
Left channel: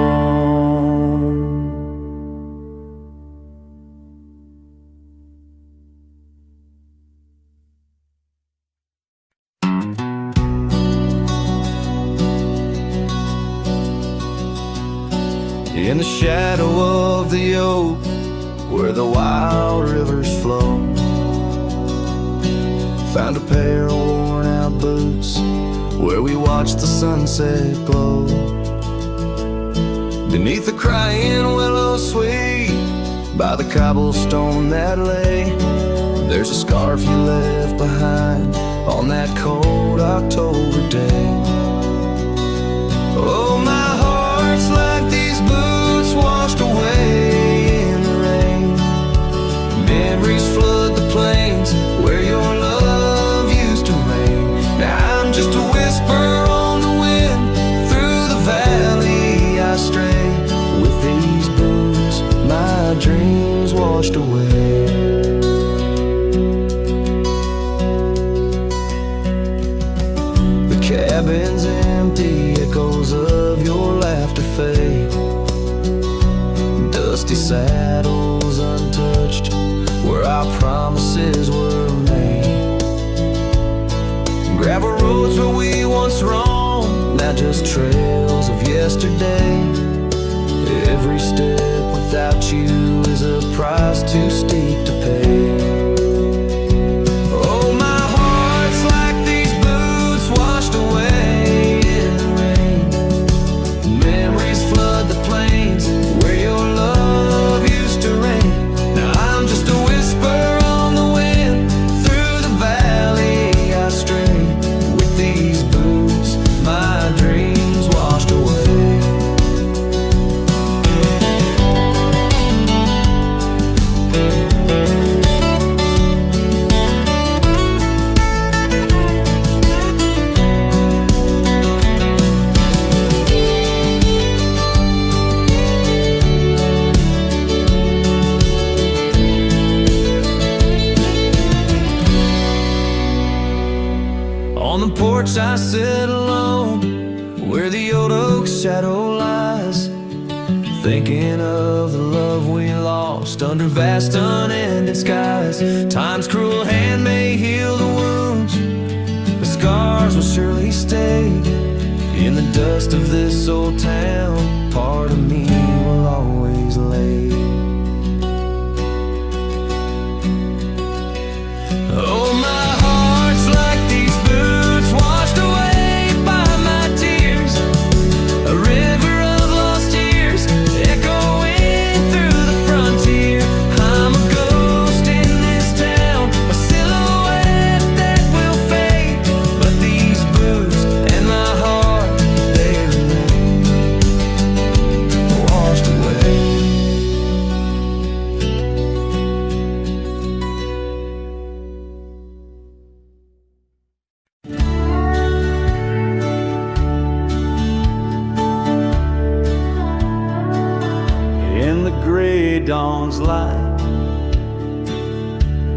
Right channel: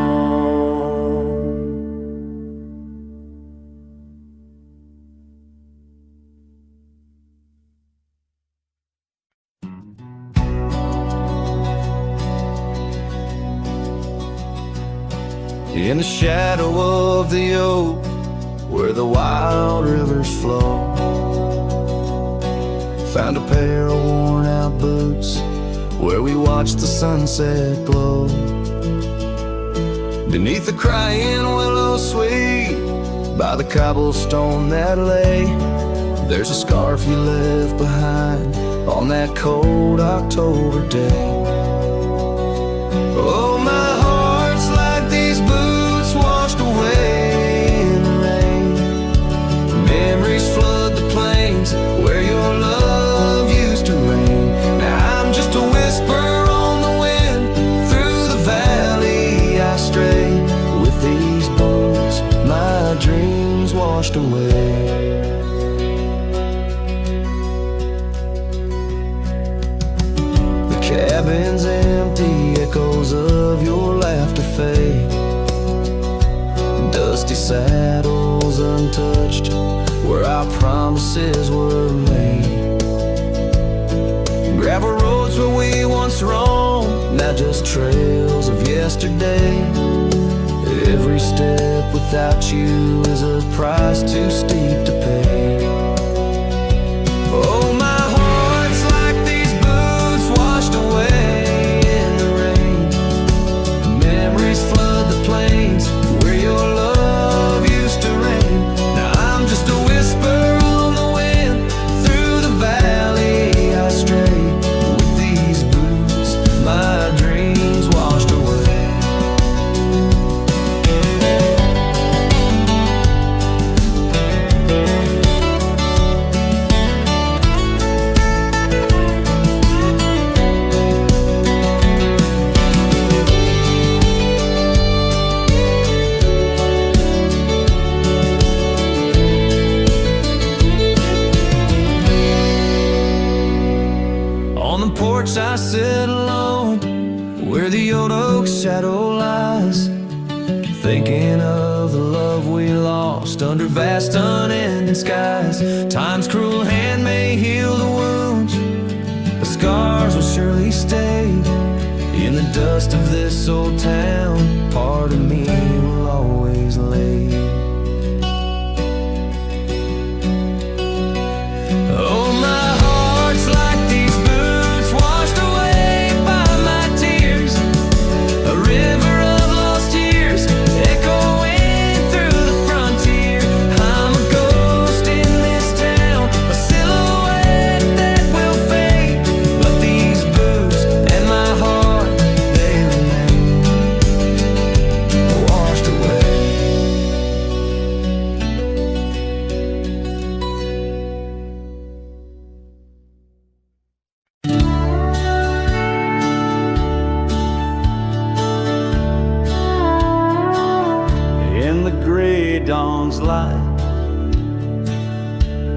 In the shadow of the oak where the wild rivers flow, found a pair of worn out boots where we watched the sunset glow. Beneath the crying willow sweet, by the cobblestone that lay, there's a scarf you left behind on that cold October day. Oh, my heart's like these boots washed away in the rain. Memories flood the plains where your love used to reign. Now I'm just a whisper on the wind, through the valley I stray. With these boots my dreams washed away. The cabin's empty, echoes of your laughter fade. Dusty saddles untouched where our promises were made. Gravel roads where we once roamed, now just trails of yesterday. Every step without you is a price too steep to pay. Oh, my heart's like these boots washed away in the rain. Memories flood the plains where your love used to reign. Now I'm just a whisper on the wind, through the valley I stray. With these boots porch I sit alone, where the old oak's shadow lies, thinking of the love we lost under vast unending skies. Time's cruel hand may heal the wounds, but scars will surely stay. In the dust of this old town, part of me will always lay. Oh, my heart's like these boots washed away by my tears, a river of lost years echoing through the frontier. I'm a ghost in this town, a silhouette that will fade, but these boots and my heart, they remain washed away. In the gray dawn's light,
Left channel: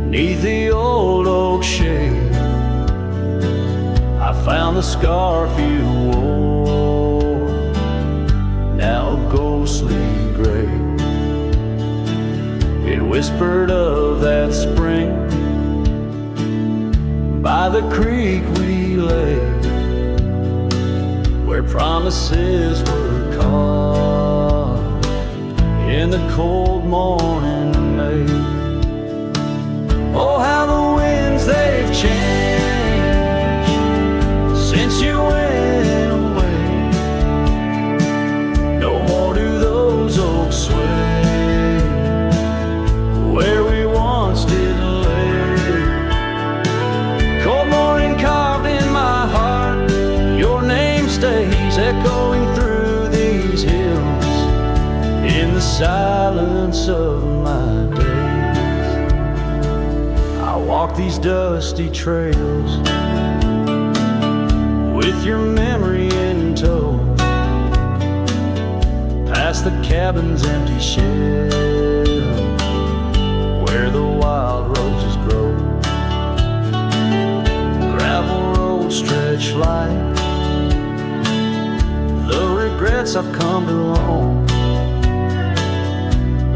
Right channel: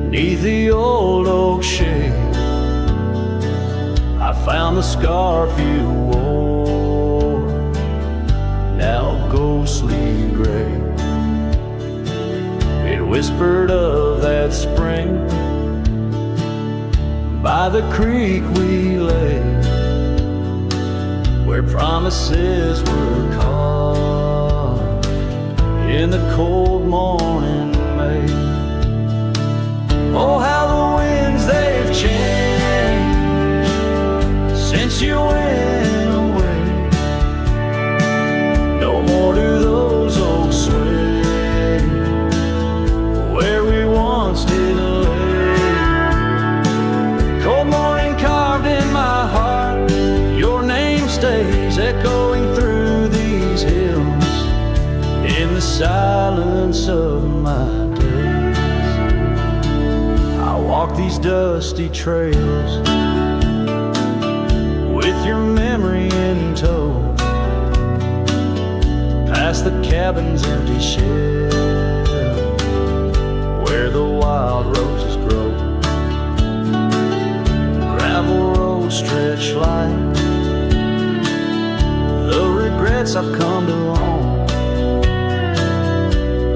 'neath the old oak shade, I found the scarf you wore, now ghostly gray. It whispered of that spring by the creek we lay, where promises were caught in the cold morning May. Oh, how the winds they've changed since you went away. No more do those oaks sway where we once did lay. Cold morning carved in my heart, your name stays echoing through these hills. In the silence of my days, I walk these dusty trails with your memory in tow, past the cabin's empty shell where the wild roses grow. Gravel roads stretch like the regrets I've come to own,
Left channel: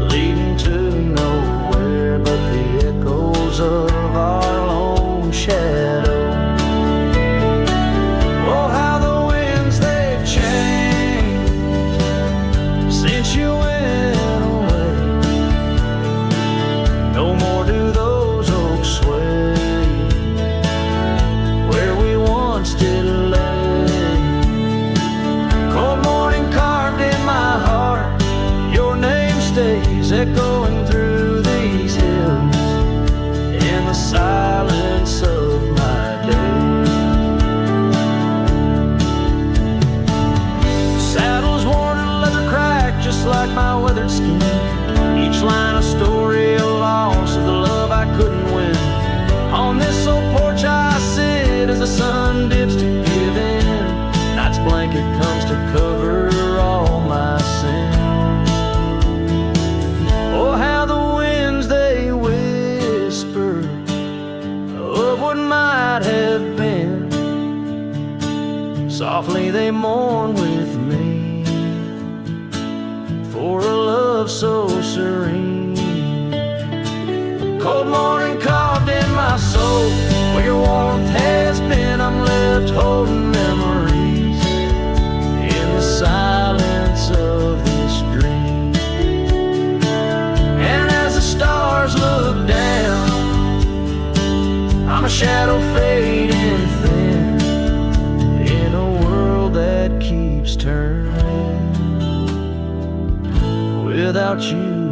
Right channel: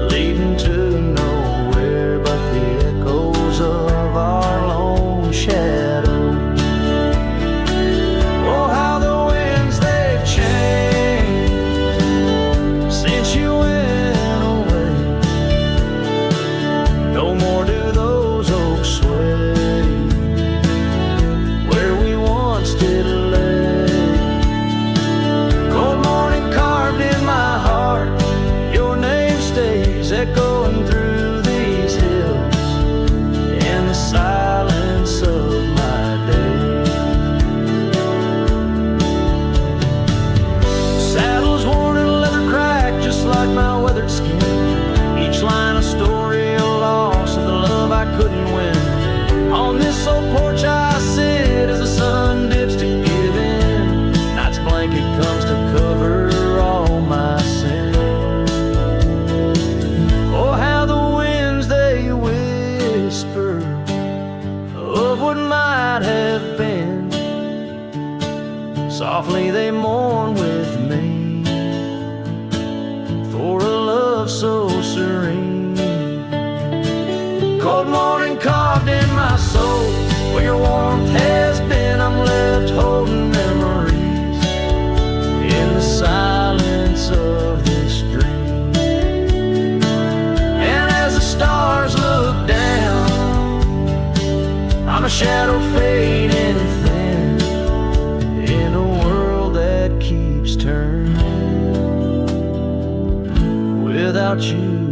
leading to nowhere but the echoes of our lone shadow. Oh, how the winds they've changed since you went away. No more do those oaks sway where we once did lay. Cold morning carved in my heart, your name stays echoing through these hills. In the silence of my days, saddles worn and leather cracked just like my weathered skin, each line a story, a loss of the love I couldn't win. On this old porch I sit as the sun dips to give in, night's blanket comes to cover all my sin. Oh, how the winds they whisper of what might have been, softly they mourn with me for a love so serene. Cold morning carved in my soul, where your warmth has been, I'm left holding memories in the silence of this dream. And as the stars look down, I'm a shadow fading thin in a world that keeps turning without you within.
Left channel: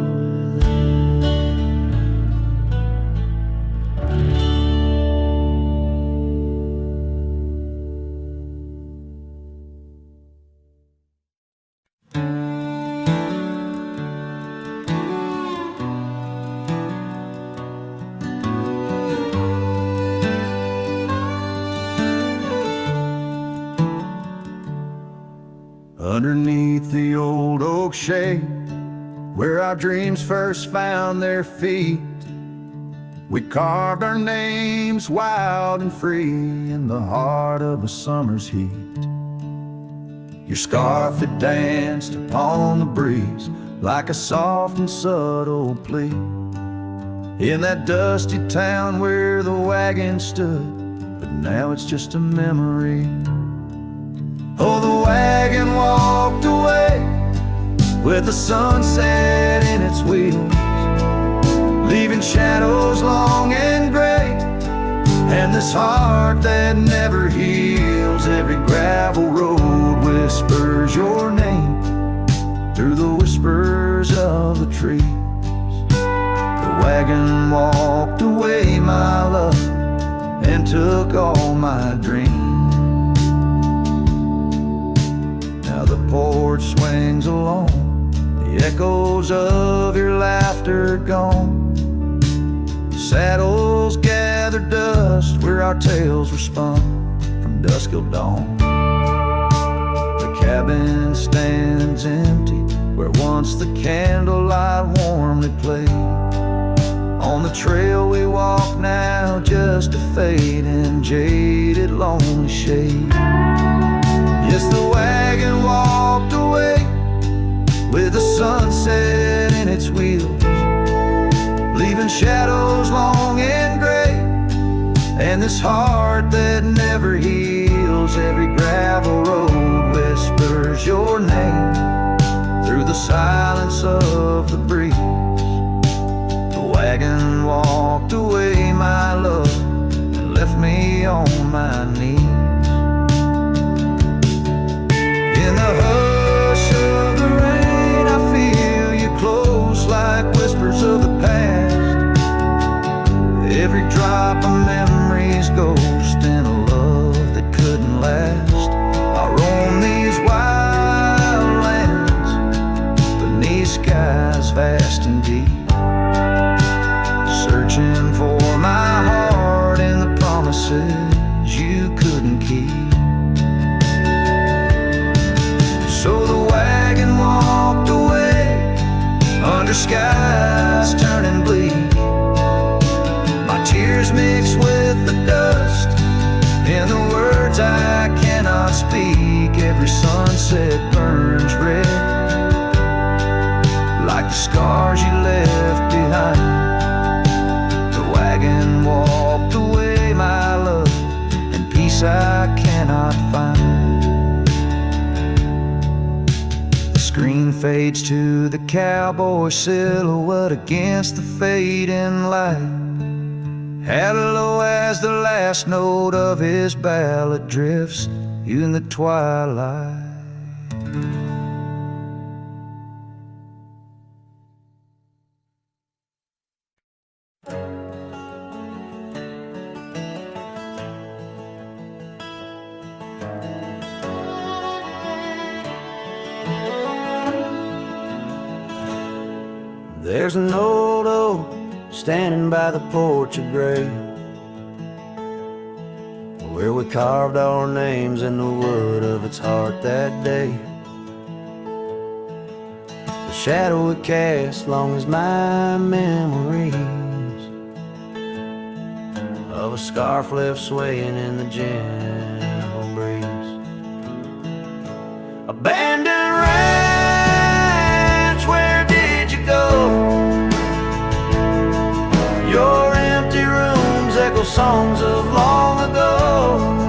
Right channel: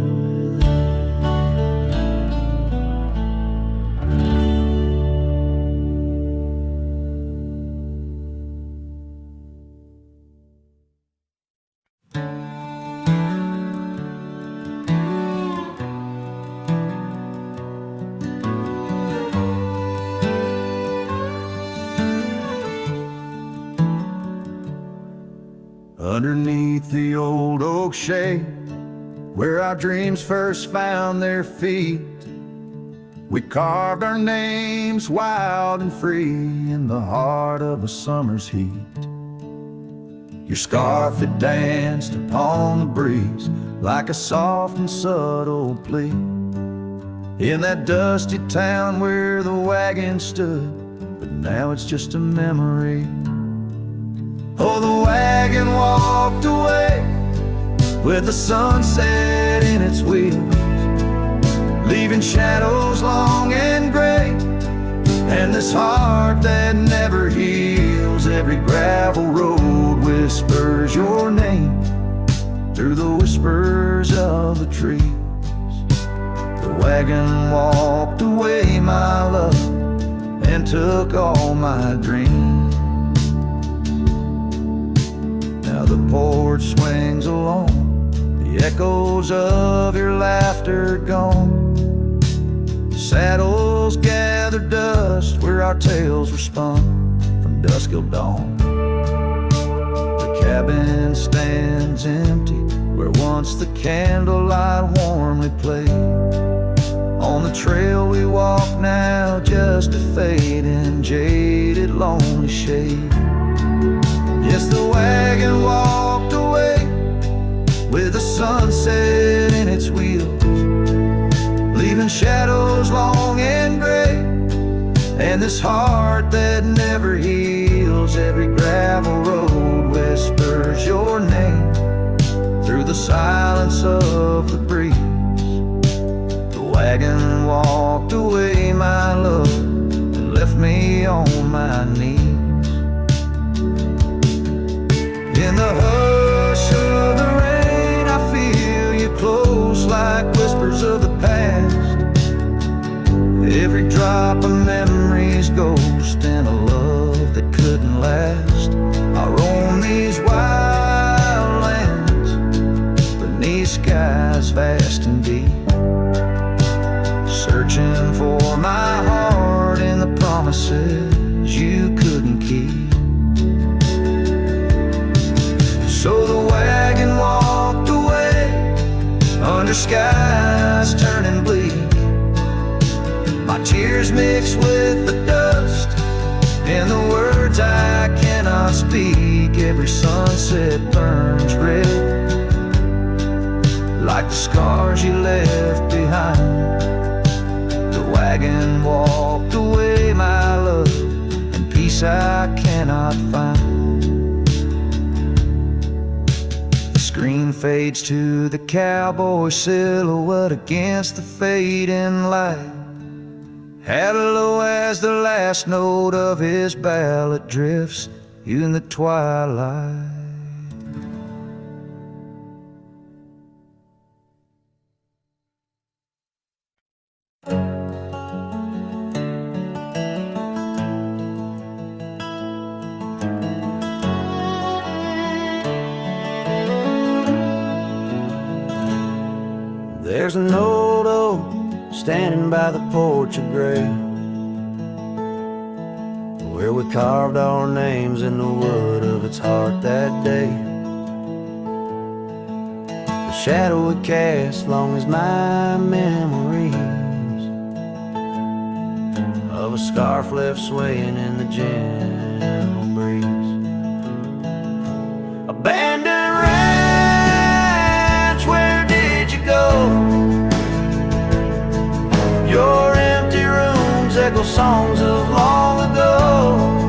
Underneath the old oak shade, where our dreams first found their feet, We carved our names wild and free in the heart of a summer's heat. Your scarf, it danced upon the breeze like a soft and subtle plea. In that dusty town where the wagon stood, but now it's just a memory. Oh, the wagon walked away with the sunset in its wheels, leaving shadows long and gray, and this heart that never heals. Every gravel road whispers your name through the whispers of the trees. The wagon walked away, my love, and took all my dreams. Now the porch swings along, the echoes of your laughter gone. Saddles gather dust where our tales were spun from dusk till dawn. The cabin stands empty where once the candlelight warmly played. On the trail we walk now, just a fading, jaded, lonely shade. Yes, the wagon walked away with the sunset in its wheels, leaving shadows long and gray, and this heart that never heals. Every gravel road whispers your name through the silence of the breeze. The wagon walked away, my love, and left me on my knees. In the hush of the rain, I feel you close like whispers of the past. Every drop of memory's ghost and a love that couldn't last. I roam these wild lands beneath skies vast and deep, searching for my heart in the promises you couldn't keep. So the wagon walked away under skies turning bleak. My tears mixed with the dust and the words I cannot speak. Every sunset burns red like the scars you left behind. The wagon walked away, my love, and peace I cannot find. Screen fades to the cowboy silhouette against the fading light. Hello as the last note of his ballad drifts in the twilight. There's an old oak standing by the porch of gray, where we carved our names in the wood of its heart that day. The shadow it cast long as my memories of a scarf left swaying in the gentle breeze. Abandoned ranch, where did you go? Your empty rooms echo songs of long ago.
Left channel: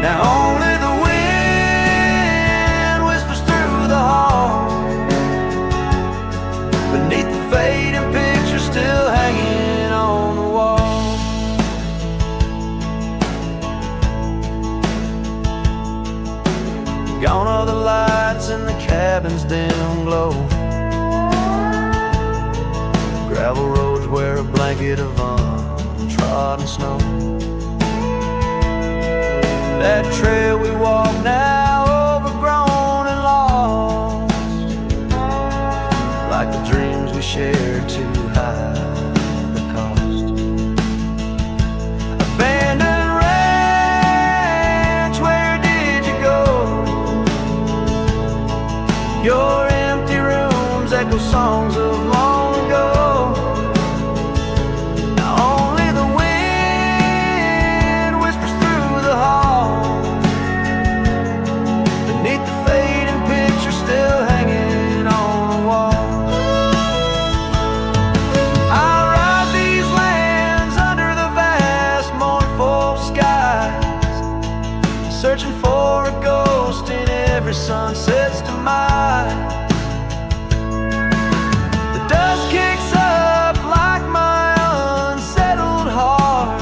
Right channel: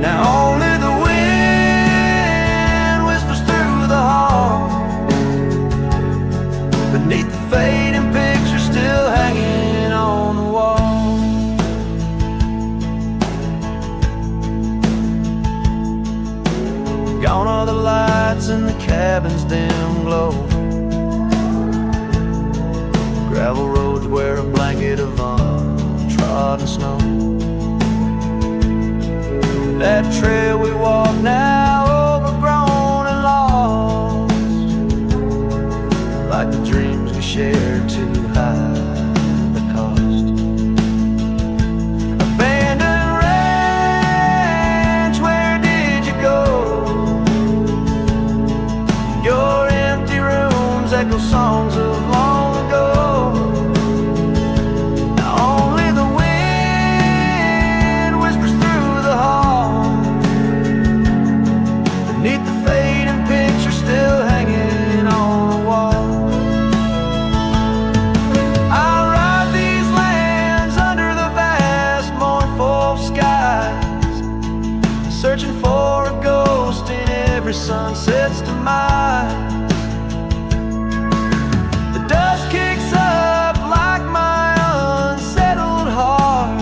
Now only the wind whispers through the hall, beneath the fading picture still hanging on the wall. Gone are the lights in the cabin's dim glow. Gravel roads wear a blanket of untrodden snow. That trail we walk now overgrown and lost, like the dreams we shared to hide the cost. Abandoned ranch, where did you go? Your empty rooms echo songs of long ago. every sun sets to mine. The dust kicks up like my unsettled heart,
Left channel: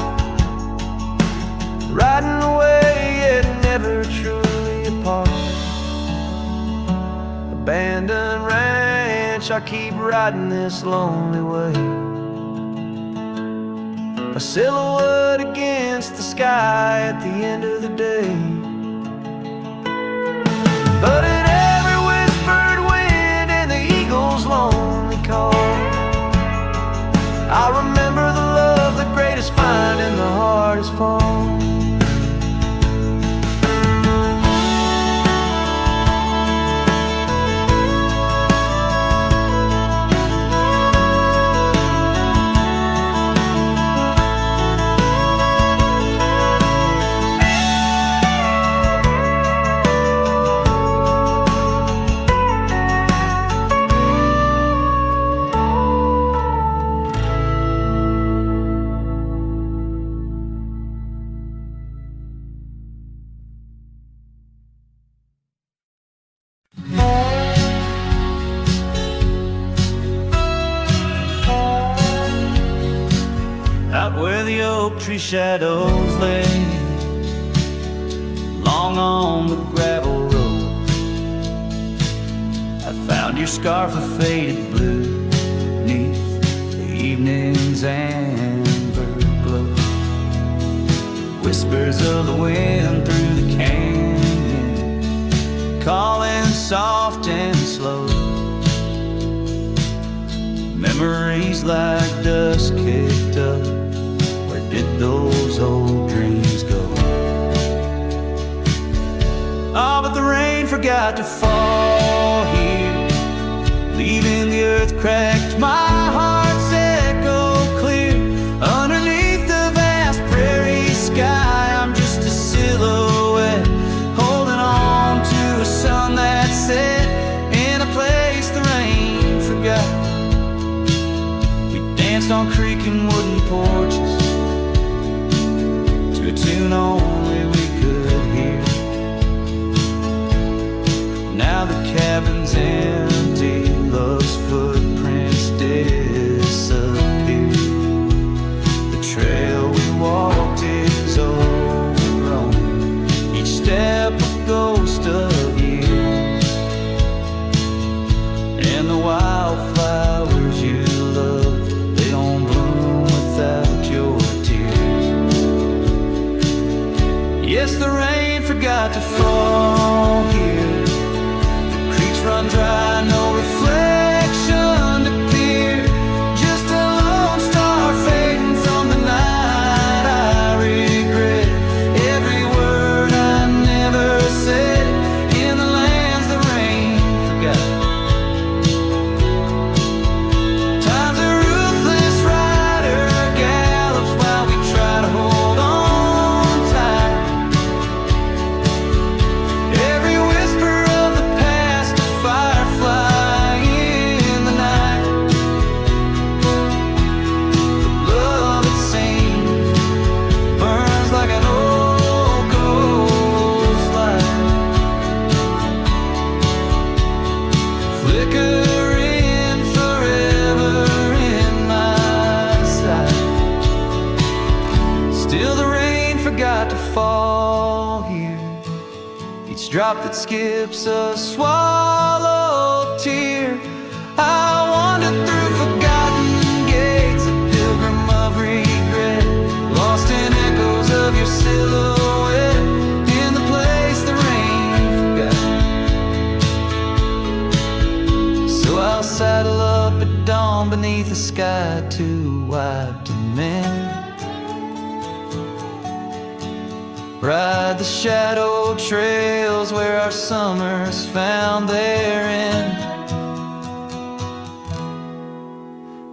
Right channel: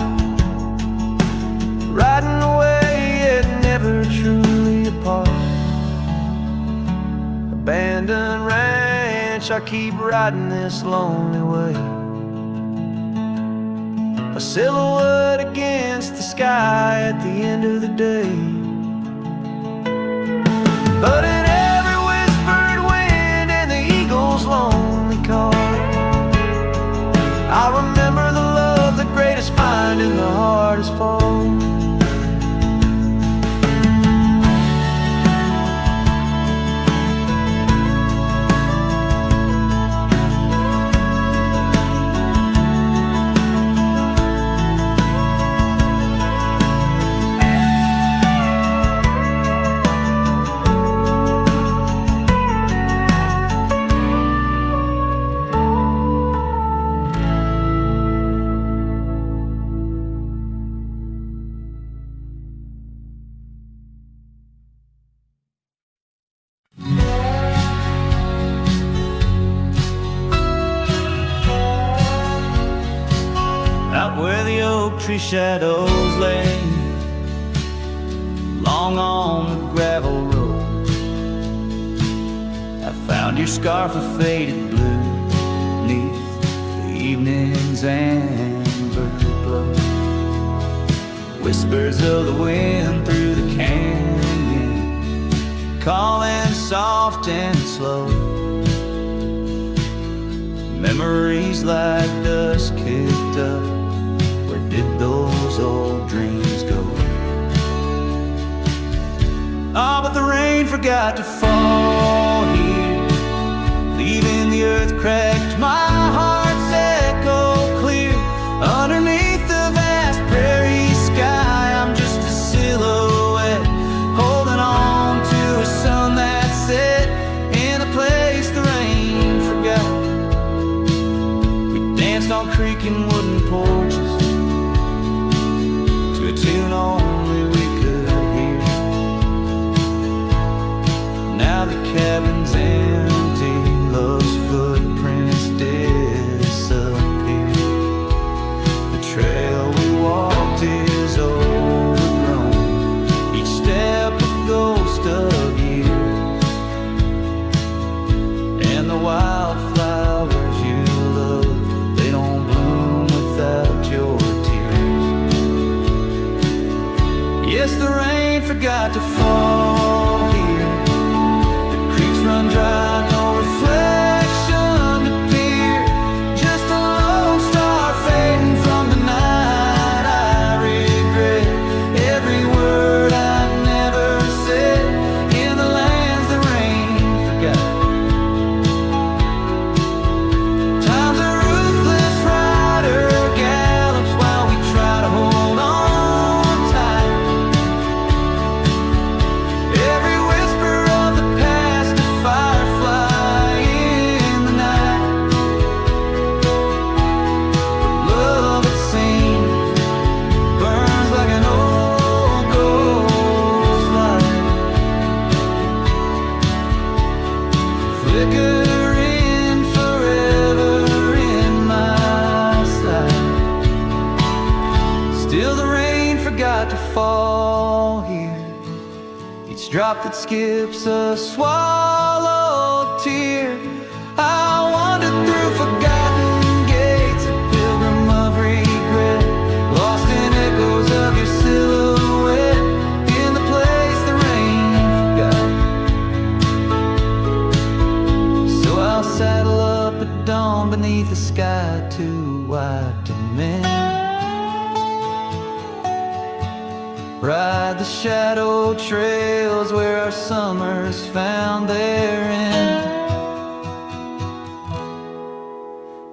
riding away yet never truly apart. Abandoned ranch, I keep riding this lonely way, a silhouette against the sky at the end of the day. But in every whispered wind and the eagle's lonely call, I remember the love, the greatest find in the hardest fall. Out where the oak tree shadows lay, long on the gravel road, I found your scarf of faded blue neath the evening's amber glow. Whispers of the wind through the canyon, calling soft and slow. Memories like dust kicked up, where did those old dreams go? Ah, but the rain forgot to fall here, leaving the earth cracked, my heart's echo clear. Underneath the vast prairie sky, I'm just a silhouette, holding on to a sun that set in a place the rain forgot. We danced on creaking wooden porches to a tune only we could hear. Now the cabin's empty, love's footprints disappear. The trail we walked is overgrown, each step a ghost of years. And the wildflowers you love, they don't bloom without your tears. Yes, the rain forgot to fall here, the creeks run dry, no reflection to peer. Just a lone star fading from the night. I regret every word I never said in the lands the rain forgot. Time's a ruthless rider, gallops while we try to hold on tight. Every whisper of the past, a firefly in the night. The love, it seems, burns like an old ghost light, flickering forever in my sight. Still the rain forgot to fall here, each drop that skips a swallowed tear. I wandered through forgotten gates, a pilgrim of regret, lost in echoes of your silhouette in the place the rain forgot. So I'll saddle up at dawn beneath a sky too wide to mend, ride the shadow trails where our summers found their end.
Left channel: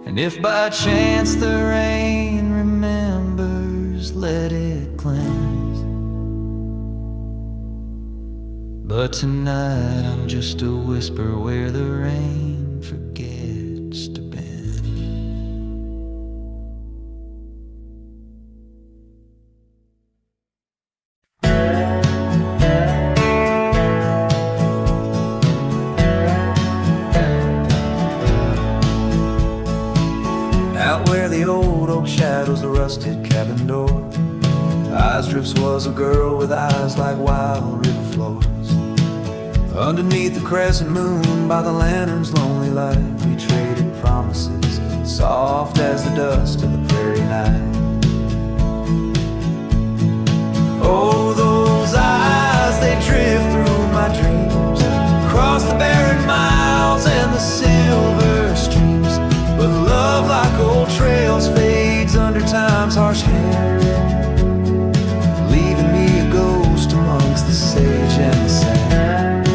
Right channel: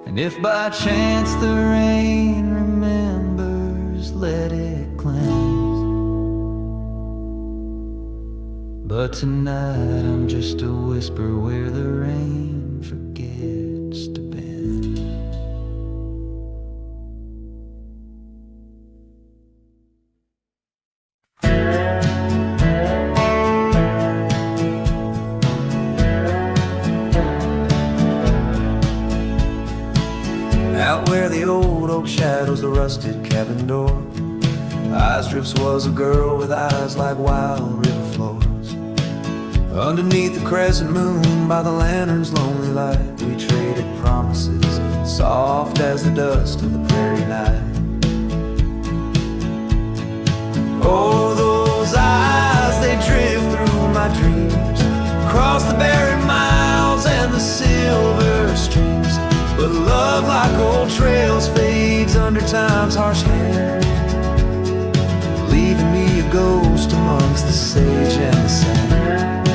And if by chance the rain remembers, let it cleanse. But tonight I'm just a whisper where the rain forgets to bend. Out where the old oak shadows the rusted cabin door, eyes drifts was a girl with eyes like wild river floors. Underneath the crescent moon by the lantern's lonely light, we traded promises, soft as the dust of the prairie night. Oh, those eyes, they drift through my dreams, across the barren miles and the silver streams. But love, like old trails, fades under time's harsh hand, leaving me a ghost amongst the sage and the sand.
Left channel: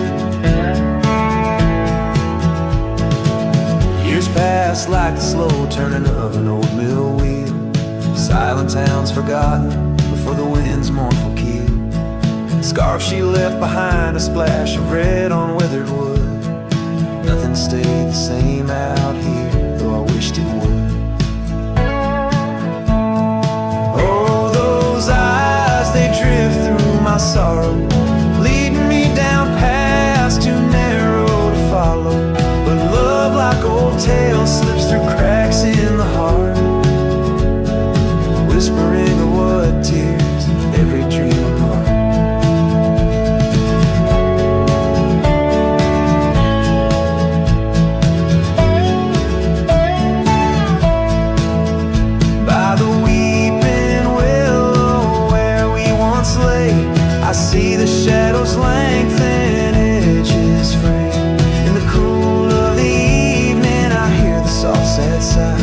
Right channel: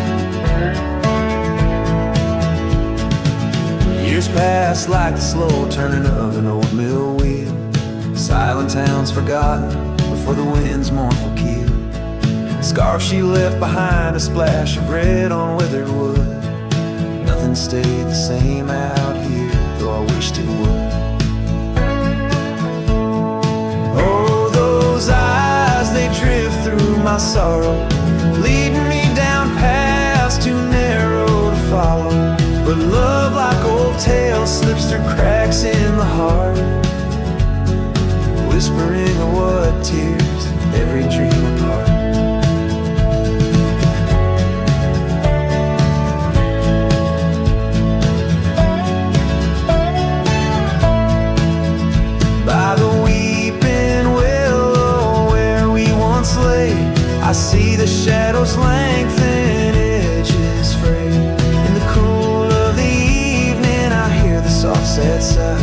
Years pass like the slow turning of an old mill wheel, silent towns forgotten before the wind's mournful keel. The scarf she left behind, a splash of red on withered wood. Nothing stayed the same out here, though I wished it would. Oh, those eyes, they drift through my sorrow, leading me down paths too narrow to follow. But love, like old tales, slips through cracks in the heart, whispering of what tears every dream apart. By the weeping willow where we once lay, I see the shadows lengthen, edges fray. In the cool of the evening, I hear the soft sad sigh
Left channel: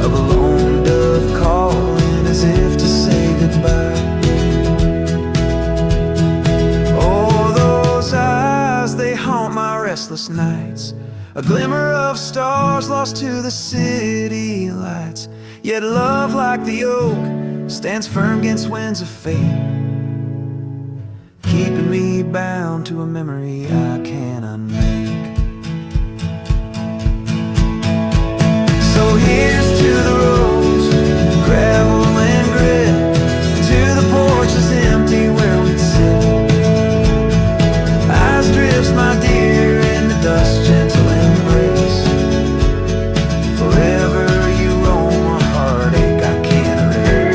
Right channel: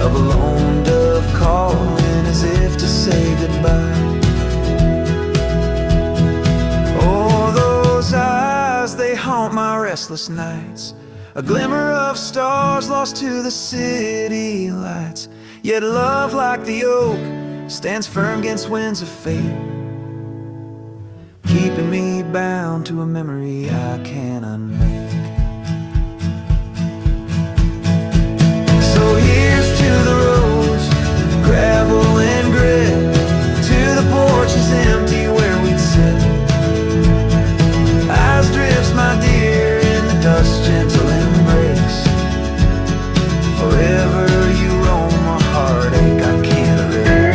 of a lone dove calling as if to say goodbye. Oh, those eyes, they haunt my restless nights, a glimmer of stars lost to the city lights. Yet love, like the oak, stands firm against winds of fate, keeping me bound to a memory I can't unmake. So here's to the roads, gravel and grit, to the porches empty where we'd sit. Eyes drifts, my dear, in the dust's gentle embrace. Forever you roam a heartache I can't erase.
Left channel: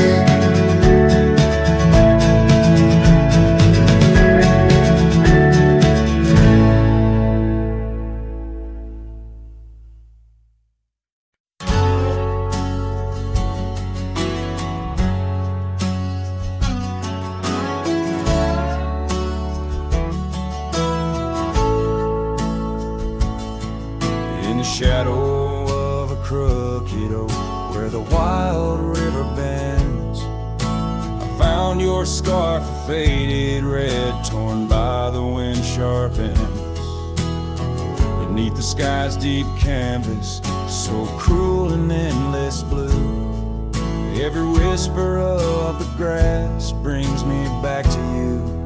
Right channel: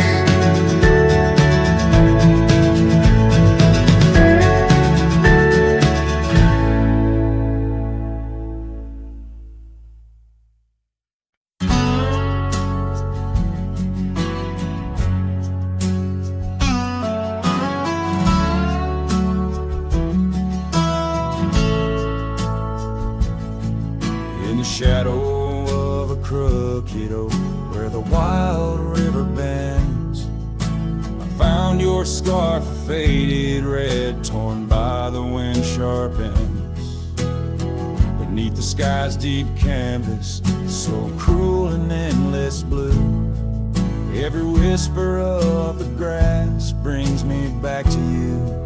In the shadow of a crooked oak where the wild river bends, I found your scarf, a faded red, torn by the wind sharp ends. Beneath the sky's deep canvas, so cruel and endless blue, every whisper of the grass brings me back to you.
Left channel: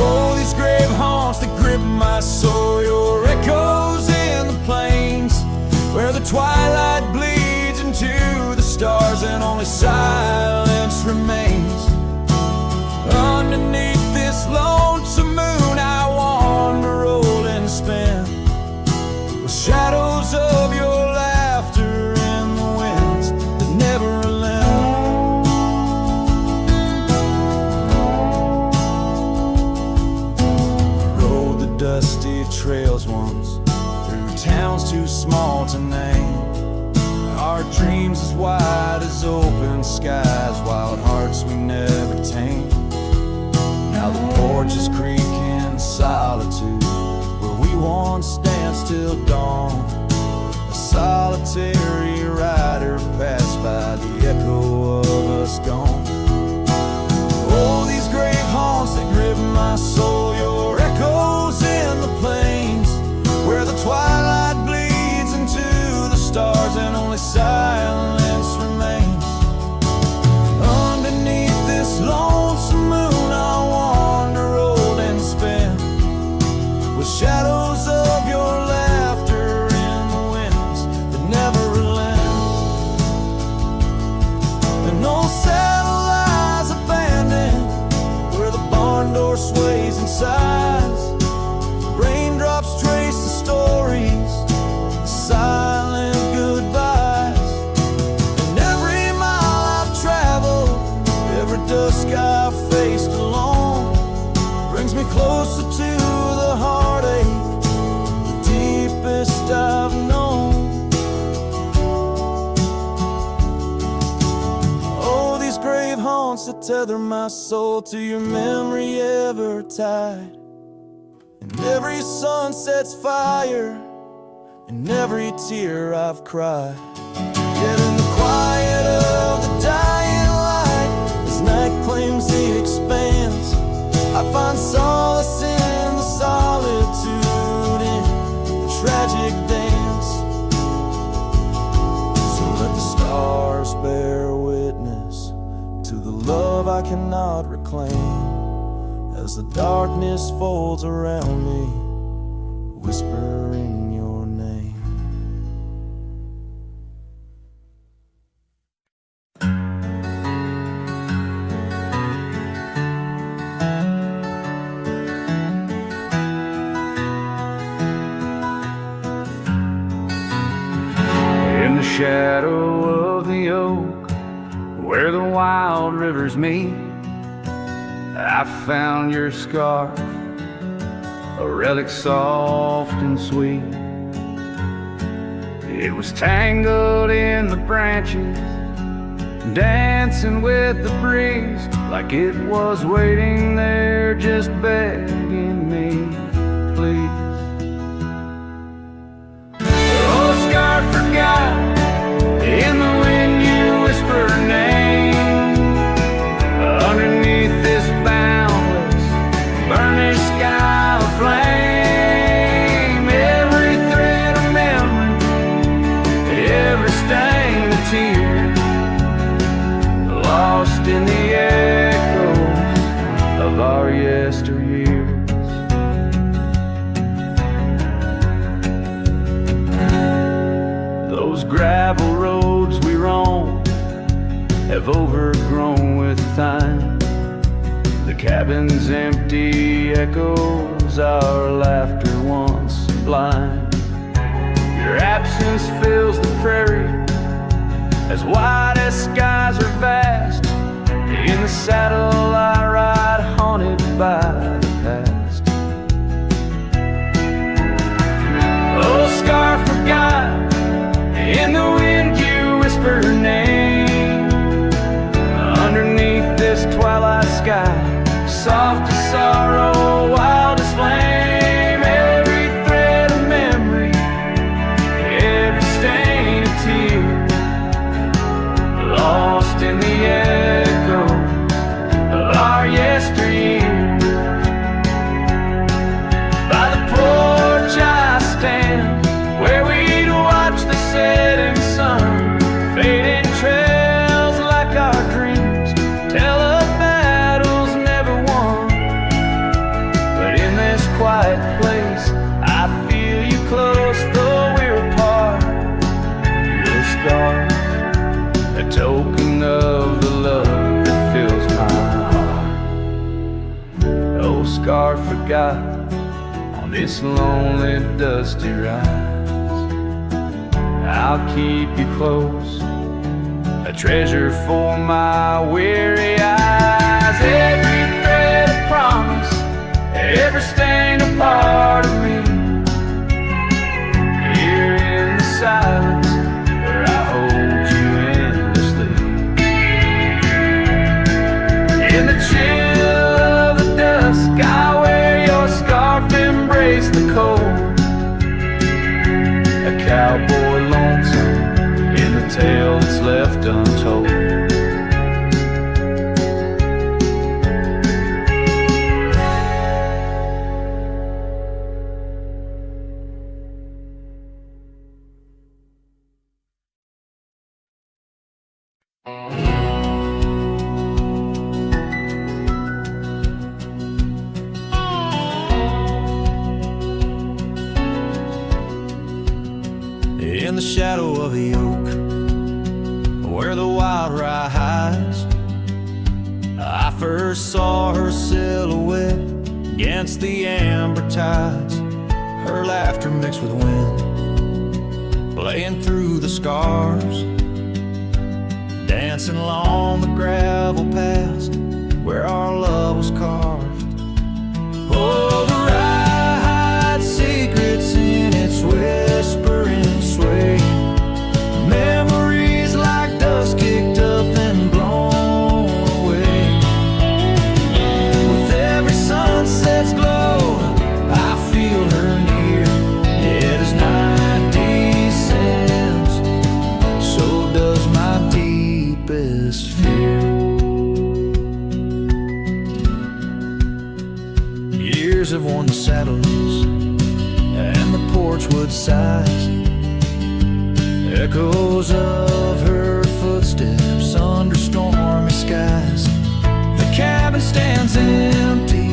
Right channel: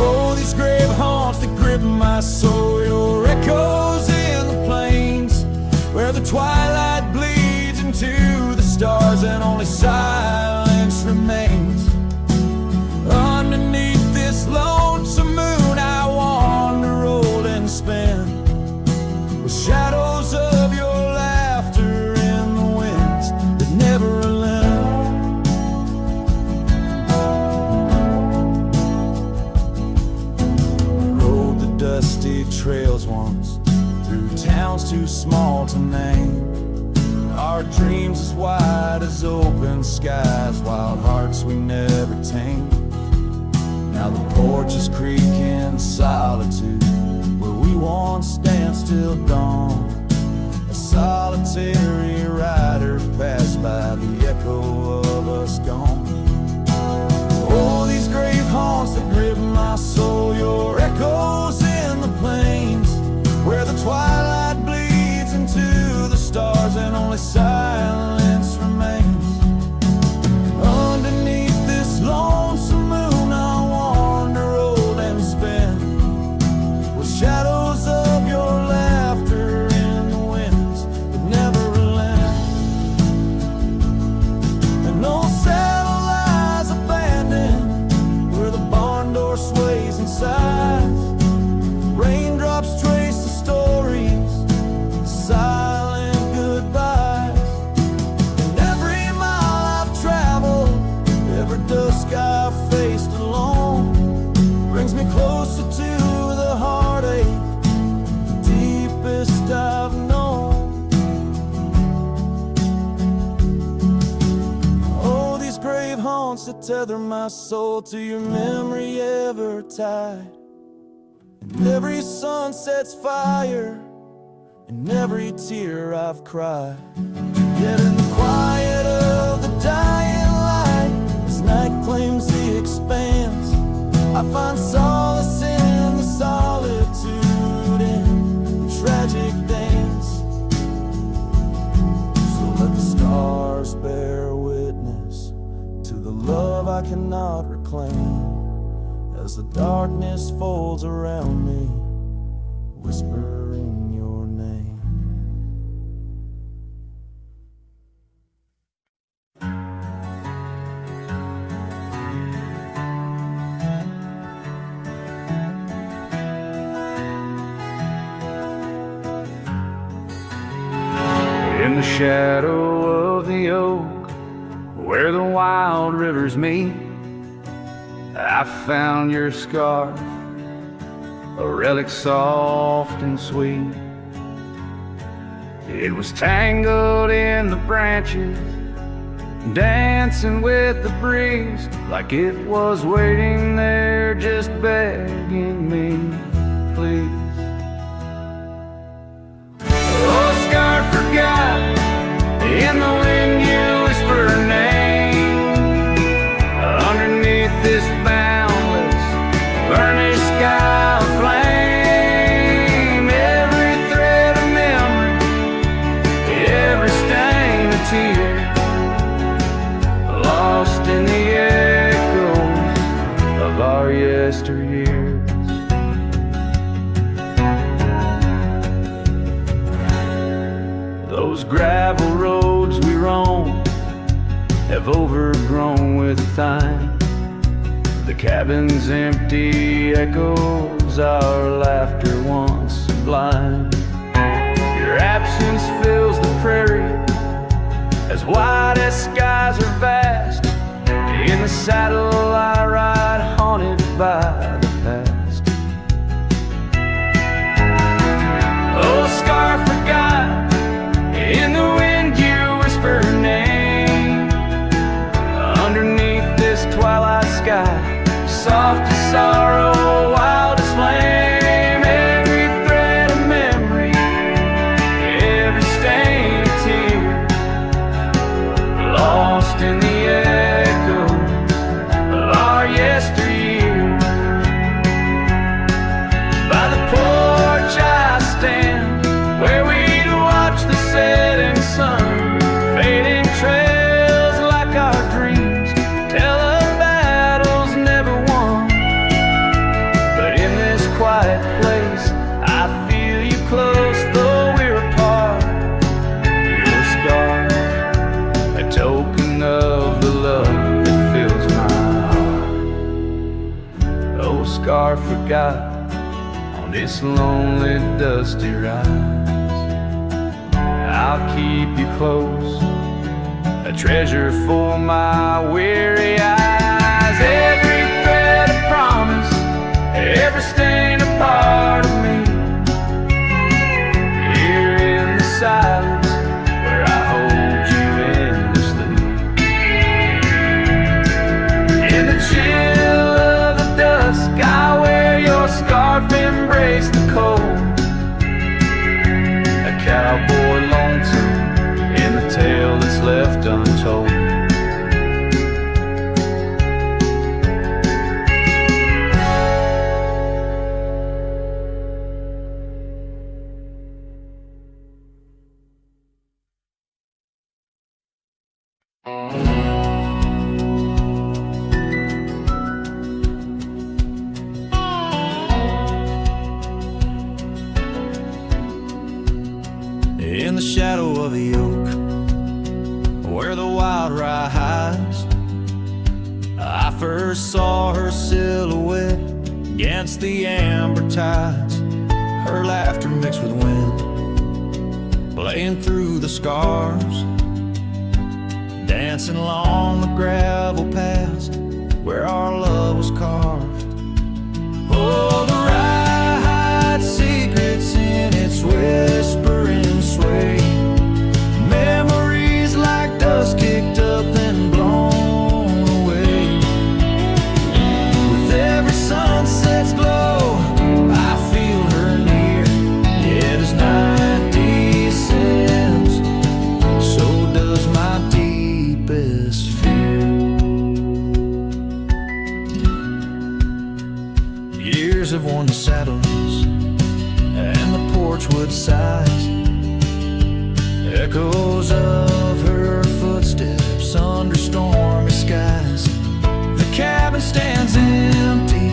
Oh, these grave haunts that grip my soul, your echoes in the plains, where the twilight bleeds into the stars and only silence remains. Underneath this lonesome moon I wander, old and spent, with shadows of your laughter in the winds that never relent. Dusty trails once, through towns too small to name, our dreams as wide as open skies, wild hearts we never tamed. Now the porch is creaking solitude, where we once danced till dawn. A solitary rider passed by, the echo of us gone. Oh, these grave haunts that grip my soul, your echoes in the plains, where the twilight bleeds into the stars and only silence remains. Underneath this lonesome moon I wander, old and spent, with shadows of your laughter in the winds that never relent. And no saddle lies abandoned where the barn door sways and sighs, raindrops trace closer to the heartache, the deepest I've known. Oh, these grave haunts that tether my soul to your memory ever tied. And every sunset's fire, and every tear I've cried. Yet in the quiet of the dying light, as night claims the expanse, I find solace in the solitude, in the tragic dance. So let the stars bear witness to the love I cannot reclaim, as the darkness folds around me, whispering your name. In the shadow of the oak, where the wild rivers meet, I found your scarf, a relic soft and sweet. It was tangled in the branches, dancing with the breeze, like it was waiting there just begging me, please. Oh, scarf forgot, in the wind you whisper her name. Underneath this boundless, burnished sky of flame, every thread of memory, every stain of tear, lost in the echoes of our yesteryears. Those gravel roads we roam have overgrown with time. The cabin's empty echoes our laughter once sublime. Your absence fills the prairie, as wide as skies are vast. In the saddle I ride, haunted by the past. Oh, scarf forgot, in the wind you whisper her name. Underneath this twilight sky, soft as sorrow, wild as flame, every thread of memory, every stain of tear, lost in the echoes of our yesteryears. By the porch I stand, where we'd watch the setting sun, fading trails like our dreams tell of battles never won. But in this quiet place I feel you close, though we're apart. Your scarf, a token of the love that fills my heart. Oh, scarf forgot, on this lonely dusty rise, I'll keep you close, a treasure for my weary eyes. Every thread a promise, every stain a part of me. Here in the silence, where I hold you endlessly. In the chill of the dusk, I wear your scarf, embrace the cold. A cowboy lonesome in the tale that's left untold. In the shadow of the oak, where the wild rye hides, I first saw her silhouette against the amber tides. Her laughter mixed with wind, playing through the scars, dancing along the gravel paths where our love was carved. Oh, the rye hides secrets in its whispering sway. Memories like dust kicked up and blown away. With every sunset's glow, I feel her near. Yet as night descends, so does my deepest fear. Years have worn the saddles and the porch wood sighs. Echoes of her footsteps under stormy skies. The cabin stands empty,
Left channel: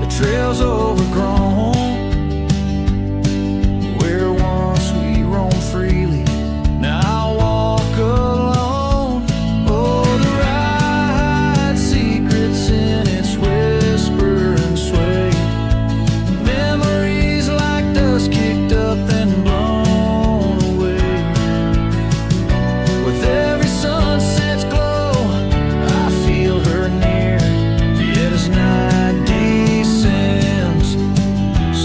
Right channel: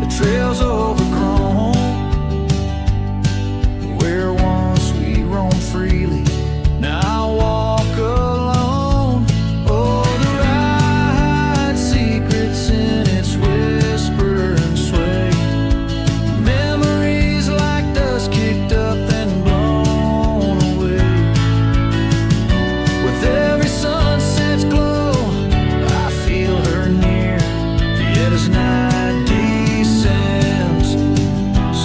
the trail's overgrown. Where once we roamed freely, now I walk alone. Oh, the rye hides secrets in its whisper and sway. Memories like dust kicked up and blown away. With every sunset's glow, I feel her near. Yet as night descends,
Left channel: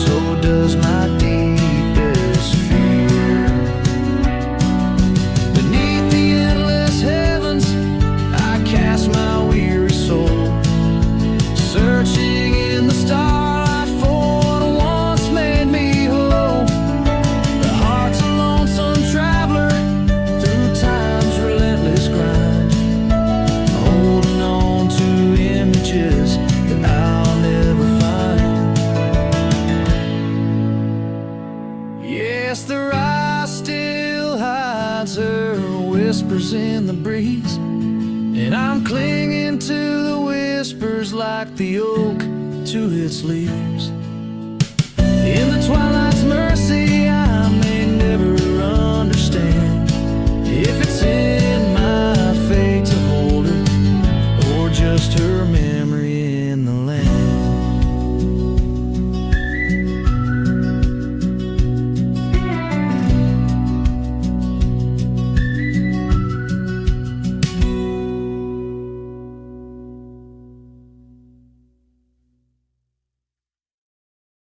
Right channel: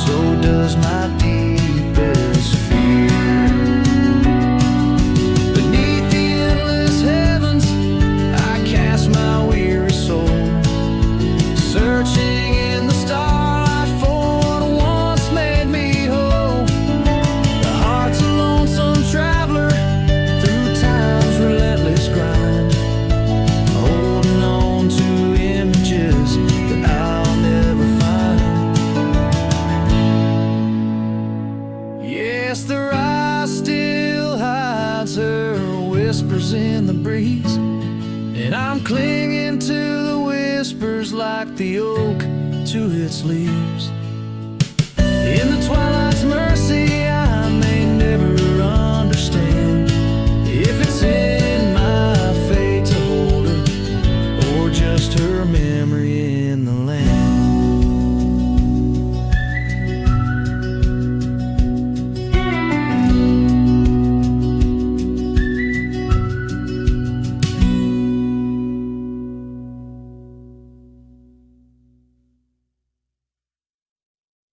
so does my deepest fear. Beneath the endless heavens, I cast my weary soul, searching in the starlight for what once made me whole. The heart's a lonesome traveler through time's relentless grind, holding on to images that I'll never find. Yes, the rye still hides her whispers in the breeze, and I'm clinging to the whispers like the oak to its leaves. In the twilight's mercy, I may never understand if it's in